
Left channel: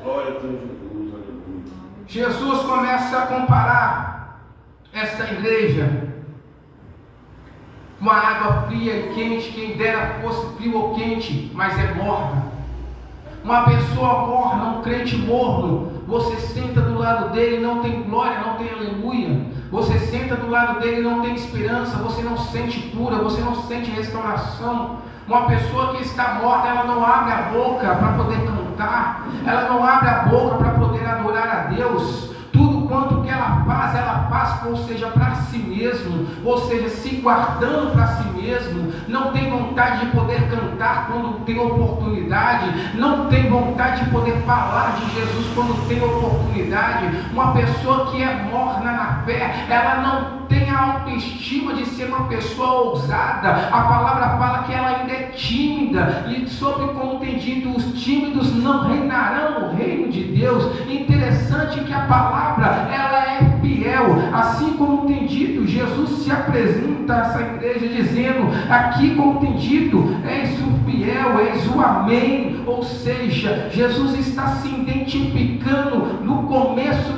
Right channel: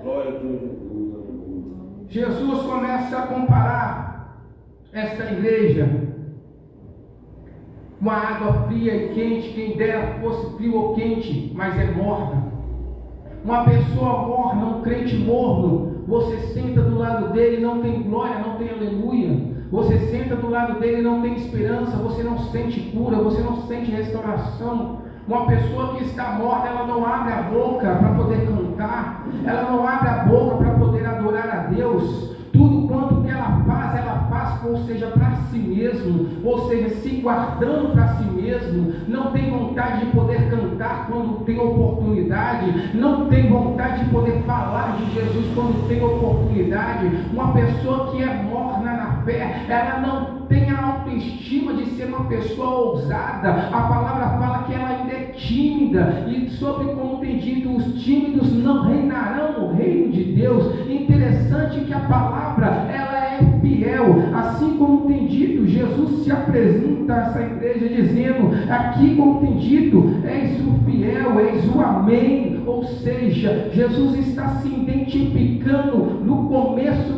Glória a Deus, Jesus, aleluia. Jesus começa a comparar essa igreja com a água fria e quente, quem dera fosse frio ou quente, mas é morna. Uma pessoa morna, um crente morno, você senta do lado dele, não tem glória, não tem aleluia. Você senta do lado dele, não tem esperança, você não sente cura, você não sente restauração. Uma pessoa que está morta, ela não abre a boca para poder cantar, ela não abre a boca para poder adorar a Deus. Tudo quanto que ela faz, ou seja, para si mesmo, ou seja, se guardando para si mesmo, não tem vontade de poder cantar quando tem oportunidade, não tem vontade de poder falar de Jesus quando tem oportunidade. Uma pessoa que é morna na fé, ela não tem a autoestima de ser uma pessoa ousada. A palavra fala que ela ainda é tímida, e sobre como tem dito, os tímidos não reinarão o reino de Deus. Interessante que a palavra, ela é fiel, assim como tem dito, Jesus se apresenta a essa igreja dizendo, aqui como tem dito, és o fiel, és o amém. Ou seja, Jesus está se identificando no começo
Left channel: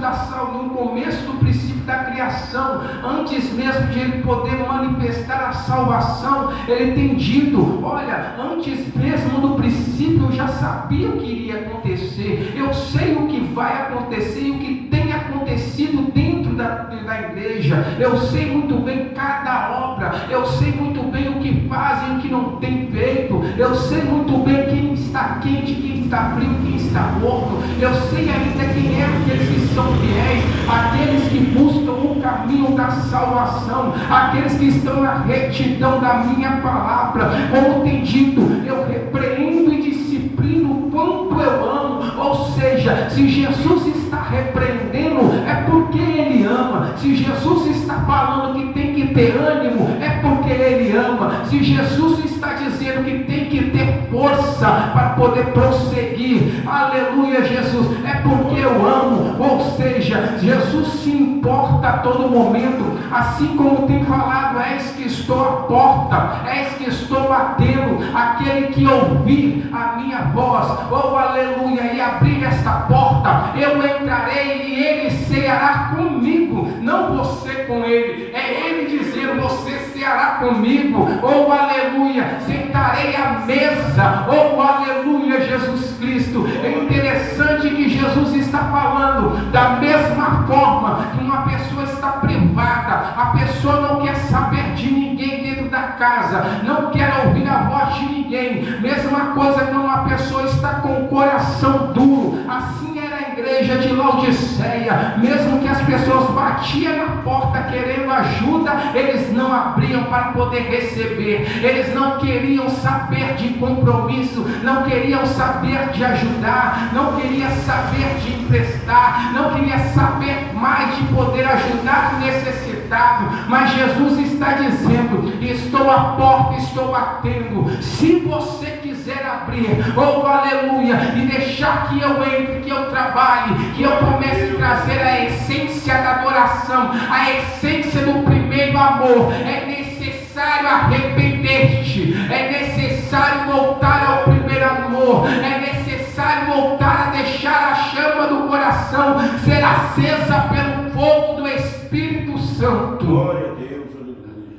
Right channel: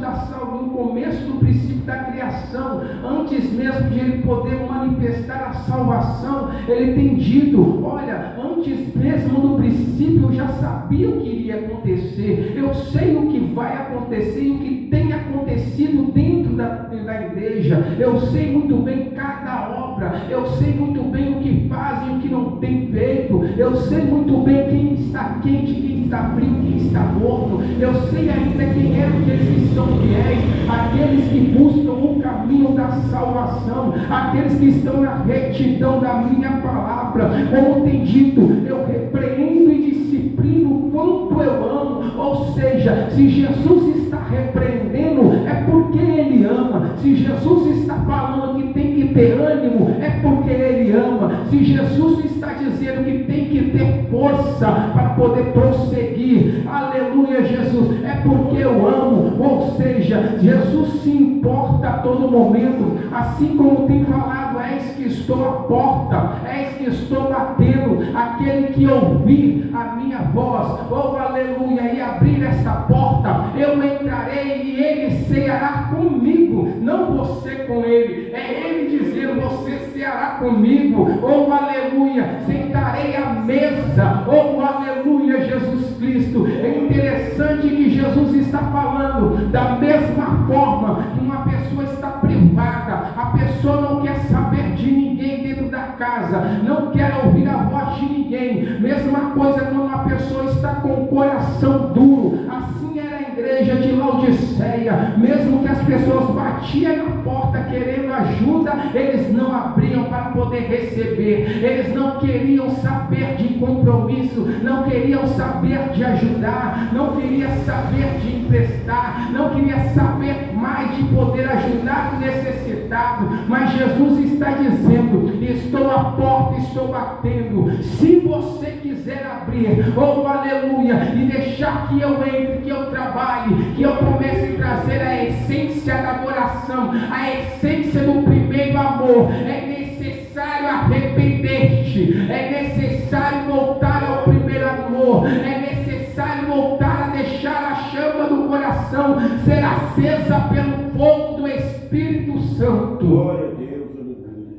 do princípio da criação, antes mesmo de ele poder manifestar a salvação. Ele tem dito, olha, antes mesmo do princípio eu já sabia o que iria acontecer, eu sei o que vai acontecer e o que tem acontecido dentro da igreja, eu sei muito bem cada obra, eu sei muito bem o que fazem e o que não tem feito, eu sei muito bem quem está quente, quem está frio, quem está morto, eu sei ainda quem é aqueles que são fiéis, aqueles que buscam o caminho da salvação, aqueles que estão na retidão da minha palavra. Como tem dito, eu repreendo e disciplino o quanto eu amo. Ou seja, se Jesus está repreendendo, é porque ele ama. Se Jesus está falando que tem que ter ânimo, é porque ele ama. Se Jesus está dizendo que tem que ter força para poder prosseguir, aleluia, Jesus, é porque eu amo. Ou seja, Jesus se importa a todo momento, assim como tem falado, eis que estou à porta, eis que estou batendo, aquele que ouvir a minha voz, oh aleluia, e abrir esta porta, eu entrarei e ele ceará comigo, não você com ele, é ele dizendo, você ceará comigo, oh aleluia, sentarei à mesa, oh aleluia, Jesus Cristo. É interessante que Jesus está falando da mesma forma que uma pessoa está privada, a pessoa não quer saber de ninguém dentro da casa, não quer ouvir a voz de ninguém. Mesma coisa quando uma pessoa está com o coração duro, assim era a igreja de Laodiceia, mesmo que as pessoas batiam na porta querendo ajuda, eles não abriam para poder receber, eles não queriam saber de compromisso, não queriam saber de ajudar, não queriam saber de emprestar, não queriam saber mais de poder ajudar o necessitado. Mas Jesus está dizendo, estou à porta, estou batendo, se você quiser abrir, oh aleluia, e deixar que eu entre, que eu trabalhe, que eu comece a trazer a essência da adoração, a essência do primeiro amor, é necessário arrepender-te, é necessário voltar ao primeiro amor, é necessário voltar a deixar a chama do coração ser acesa pelo fogo do Espírito Santo. Glória a Deus, aleluia.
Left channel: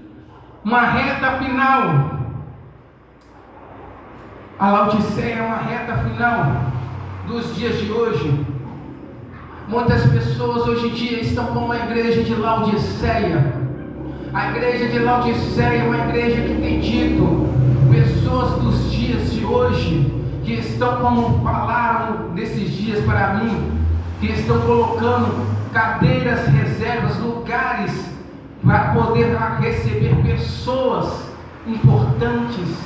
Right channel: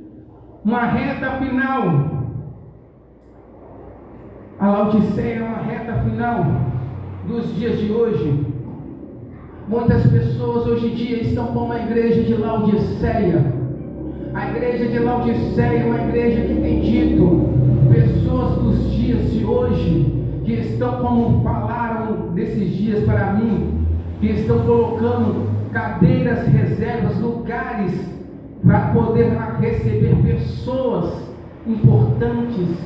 uma reta final. A Laodiceia é uma reta final dos dias de hoje. Muitas pessoas hoje em dia estão como a igreja de Laodiceia. A igreja de Laodiceia é uma igreja que tem dito, pessoas dos dias de hoje, que estão como falaram nesses dias para mim, que estão colocando cadeiras, reservas, lugares para poder receber pessoas importantes,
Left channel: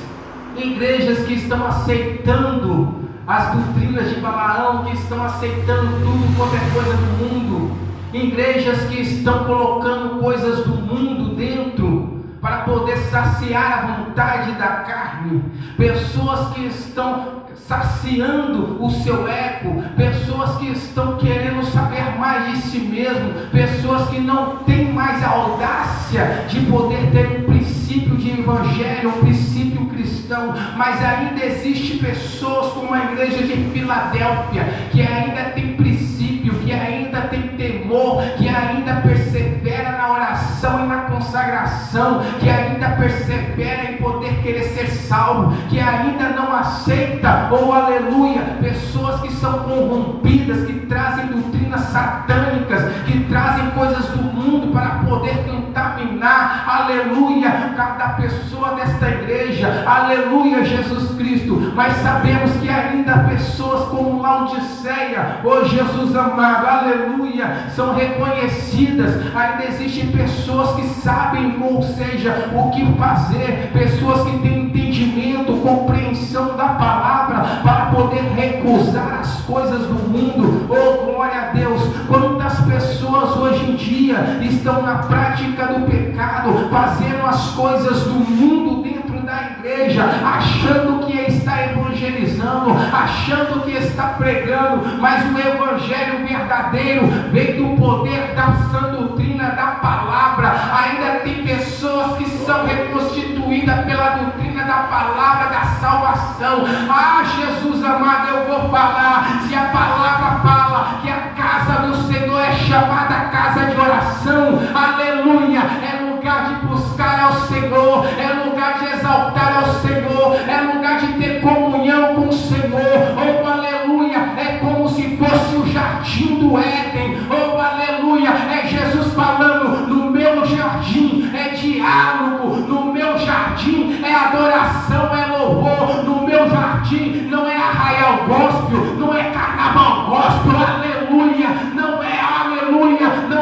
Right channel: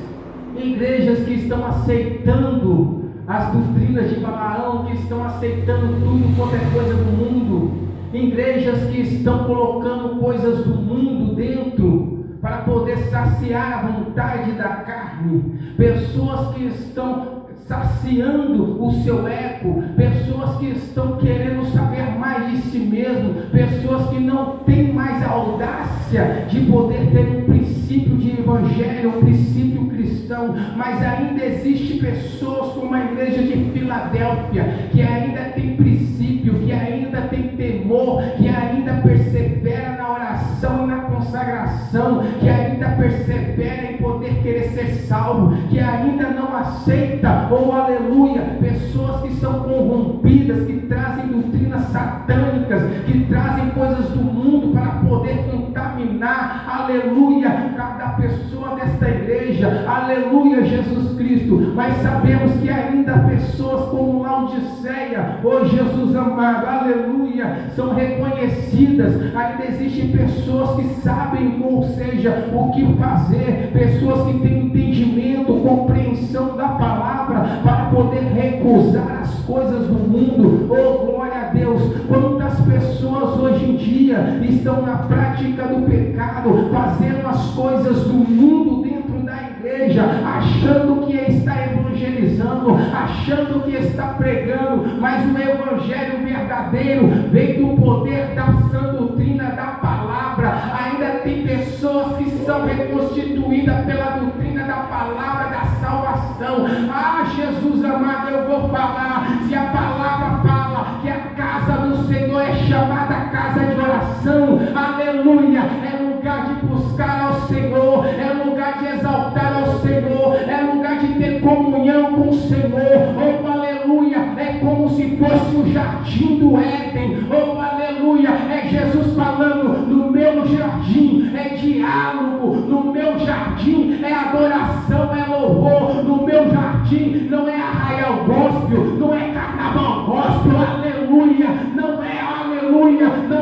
igrejas que estão aceitando as doutrinas de Balaão, que estão aceitando tudo, qualquer coisa do mundo, igrejas que estão colocando coisas do mundo dentro para poder saciar a vontade da carne, pessoas que estão saciando o seu ego, pessoas que estão querendo saber mais de si mesmo, pessoas que não têm mais a audácia de poder ter um princípio de evangelho, um princípio cristão, mas ainda existe pessoas como a igreja de Filadélfia, que ainda tem princípio, que ainda tem temor, que ainda persevera na oração e na consagração, que ainda persevera em poder querer ser salvo, que ainda não aceita, ou aleluia, pessoas que são corrompidas, que trazem doutrinas satânicas, que trazem coisas do mundo para poder contaminar, aleluia, cada pessoa desta igreja, aleluia, Jesus Cristo. Mas sabemos que ainda pessoas como Laodiceia, oh Jesus amado, aleluia, são reconhecidas. Ainda existem pessoas que sabem, ou seja, o que fazer, pessoas que têm entendimento, compreensão da palavra para poder recusar as coisas do mundo. Oh glória a Deus, quantas pessoas hoje em dia estão na prática do pecado, fazendo as coisas do mundo dentro da igreja, achando que está evangelizando, achando que está pregando, mas o evangelho verdadeiro vem do poder da sã doutrina da palavra. Ainda tem pessoas que são reconstituídas pela doutrina da palavra da salvação. Ah, Jesus amado, eu vou falar, se a palavra fala que a casa do Senhor é chamada casa de oração, aleluia, é lugar de buscar ao Senhor, é lugar de exaltar ao Senhor, é lugar de ter comunhão com o Senhor, oh aleluia, é como se fosse o jardim do Éden, oh aleluia, é Jesus falando, no meu jardim é diálogo, no meu jardim é adoração, é louvor, no meu jardim não é arraial gospel, não é carnaval gospel, aleluia, não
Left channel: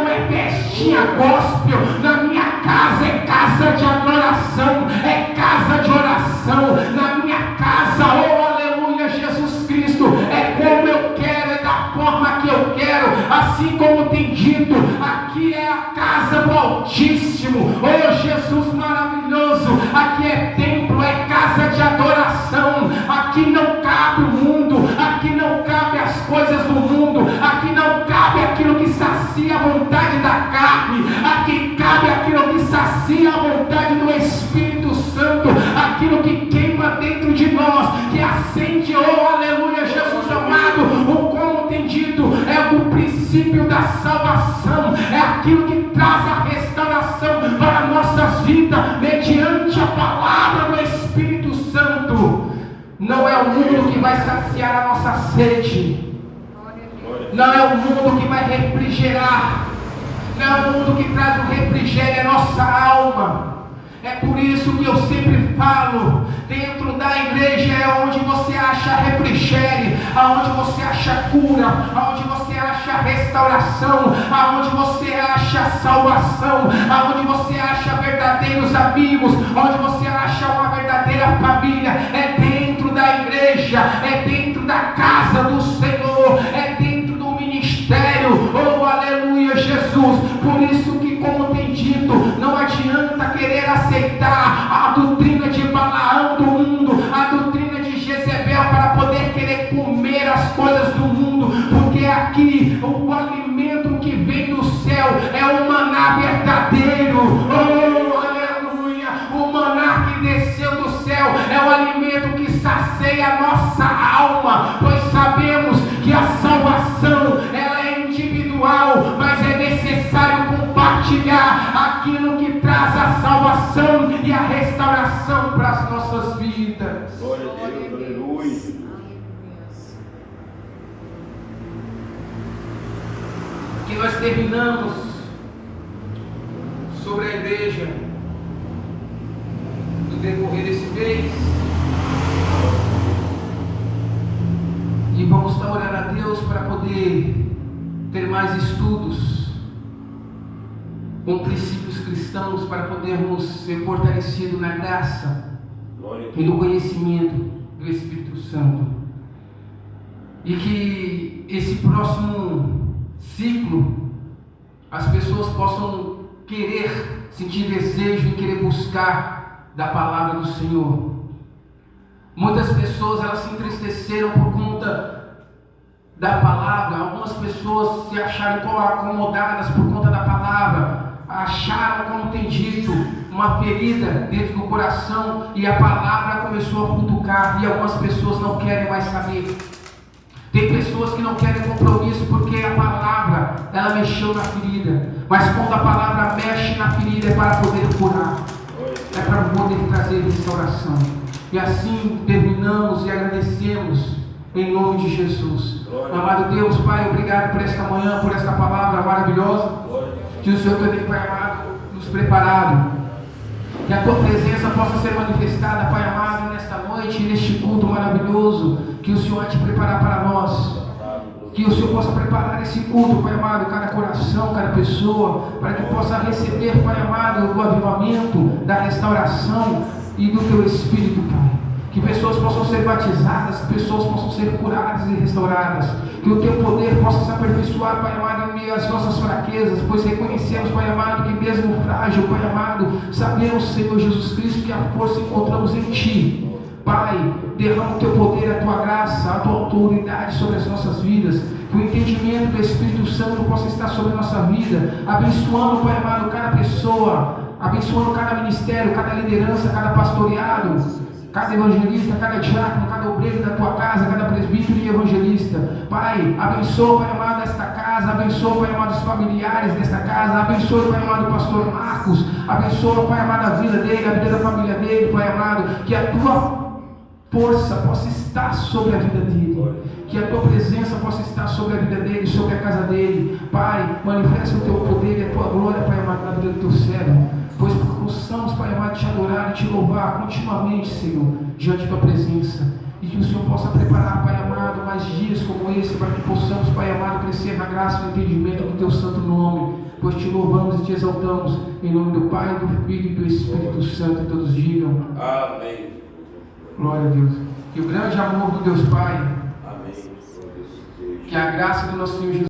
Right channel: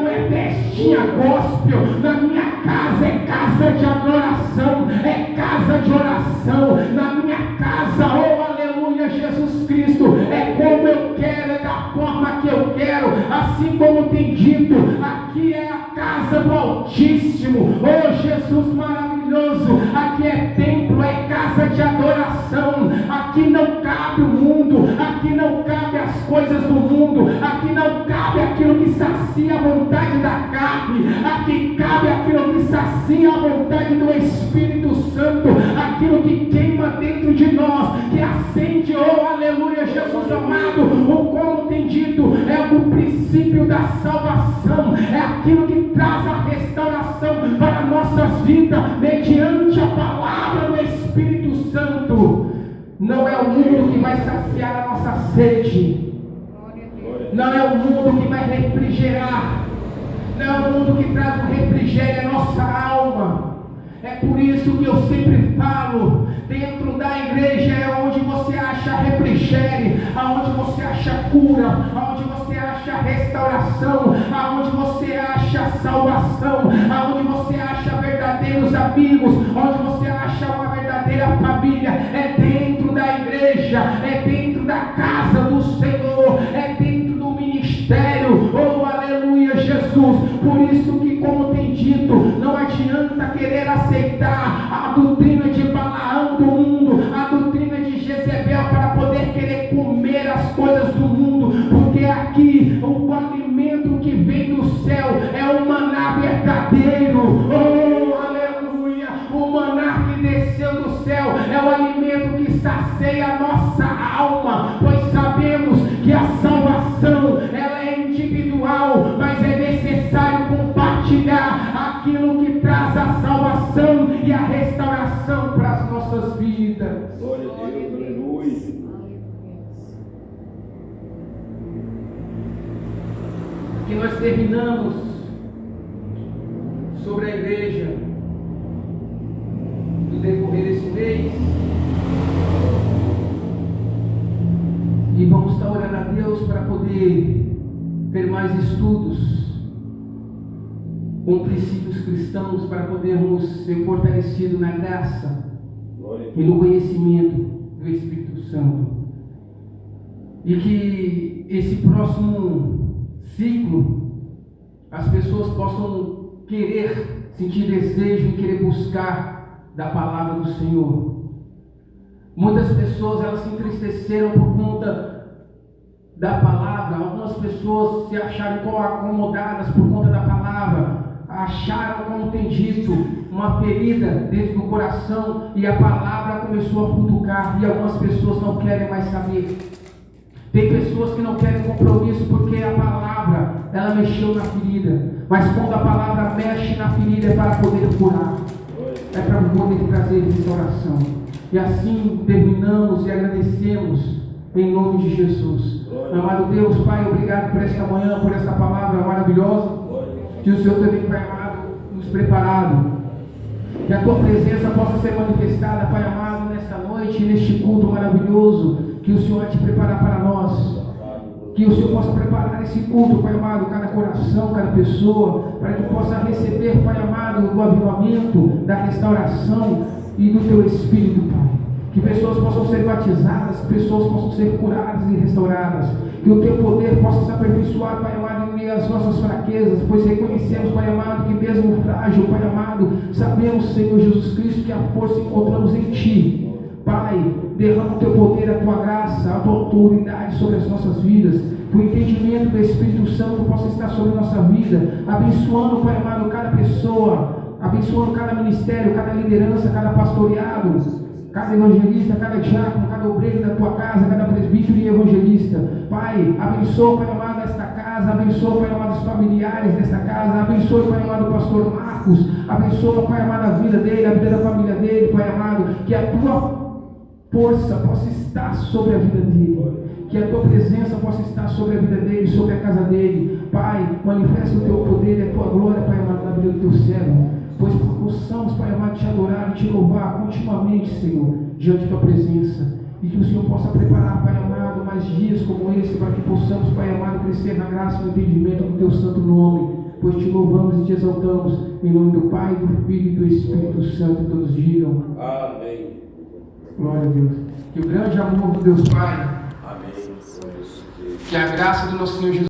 é festinha gospel, na minha casa é casa de adoração, é casa de oração, na minha casa, oh aleluia, Jesus Cristo, é como eu quero, é da forma que eu quero, assim como tem dito, aqui é a casa do Altíssimo, oh Jesus maravilhoso, aqui é templo, é casa de adoração, aqui não cabe o mundo, aqui não cabe as coisas do mundo, aqui não cabe aquilo que sacia a vontade da carne, aqui cabe aquilo que sacia a vontade do Espírito Santo, aquilo que queima dentro de nós, que acende, oh aleluia, Jesus amado, o como tem dito, é o princípio da salvação, é aquilo que traz a restauração para nossas vidas, mediante a palavra do Espírito Santo. Não é o mundo que vai saciar a nossa sede, não é o mundo que vai refrigerar, não é o mundo que traz o refrigério à nossa alma. É por isso que eu sempre falo, dentro da igreja é onde você acha refrigério, aonde você acha cura, aonde você acha restauração, aonde você acha salvação, aonde você acha verdadeiros amigos, onde você acha uma verdadeira família. É dentro da igreja, é dentro da casa do Senhor, é dentro do ministério, oh aleluia, Jesus. Por isso que, como tem dito, não adianta querer aceitar a doutrina de Balaão do mundo, a doutrina de Jezebel, para poder querer comer as coisas do mundo, porque aqui o alimento que vem do céu é o maná verdadeiro, oh aleluia, o maná que desceu do céu é o alimento que sacia a nossa alma, pois sabemos que a salvação ela é individual, mas é necessário compartilhar aquilo que traz a salvação e a E nós terminamos sobre a igreja no decorrer desse mês. E vamos estar orando a Deus para poder ter mais estudos com princípios cristãos, para podermos ser fortalecidos na graça e no conhecimento do Espírito Santo. E que esse próximo ciclo as pessoas possam querer, sentir desejo e querer buscar da palavra do Senhor. Muitas pessoas elas se entristeceram por conta da palavra. Algumas pessoas se acharam acomodadas por conta da palavra, acharam, como tem dito, uma ferida dentro do coração, e a palavra começou a futucar, e algumas pessoas não querem mais saber. Tem pessoas que não querem compromisso porque a palavra ela mexeu na ferida, mas quando a palavra mexe na ferida é para poder curar, é para poder trazer restauração. E assim terminamos e agradecemos em nome de Jesus. Amado Deus, Pai, obrigado por esta manhã, por esta palavra maravilhosa que o Senhor tem, Pai amado, nos preparado. Que a Tua presença possa ser manifestada, Pai amado, nesta noite, neste culto maravilhoso que o Senhor vai te preparar para nós. Que o Senhor possa preparar esse culto, Pai amado, cada coração, cada pessoa, para que possa receber, Pai amado, do avivamento, da restauração e do Teu Espírito, Pai. Que pessoas possam ser batizadas, que pessoas possam ser curadas e restauradas. Que o Teu poder possa se aperfeiçoar, Pai amado, em meio às nossas fraquezas, pois reconhecemos, Pai amado, que mesmo frágil, Pai amado, sabemos, Senhor Jesus Cristo, que a força encontramos em Ti. Pai, derrama o Teu poder, a Tua graça, a Tua autoridade sobre as nossas vidas. Que o entendimento do Espírito Santo possa estar sobre a nossa vida, abençoando, Pai amado, cada pessoa, abençoando cada ministério, cada liderança, cada pastoreado, cada evangelista, cada diácono, cada obreiro da Tua casa, cada presbítero e evangelista. Pai, abençoa, Pai amado, esta casa, abençoa, Pai amado, os familiares desta casa, abençoa, Pai amado, o pastor Marcos, abençoa, Pai amado, a vida dele, a vida da família dele, Pai amado, que a Tua força possa estar sobre a vida dele, que a Tua presença possa estar sobre a vida dele, sobre a casa dele. Pai, manifesta o Teu poder e a Tua glória, Pai amado, na vida do Teu servo, pois possamos, Pai amado, Te adorar e Te louvar continuamente, Senhor, diante da Tua presença, e que o Senhor possa preparar, Pai amado, mais dias como esse, para que possamos, Pai amado, crescer na graça e no entendimento do Teu santo nome, pois Te louvamos e Te exaltamos, em nome do Pai, do Filho e do Espírito Santo. Todos digam Amém. Glória a Deus. Que o grande amor do Deus Pai, Amém. que a graça do nosso Senhor Jesus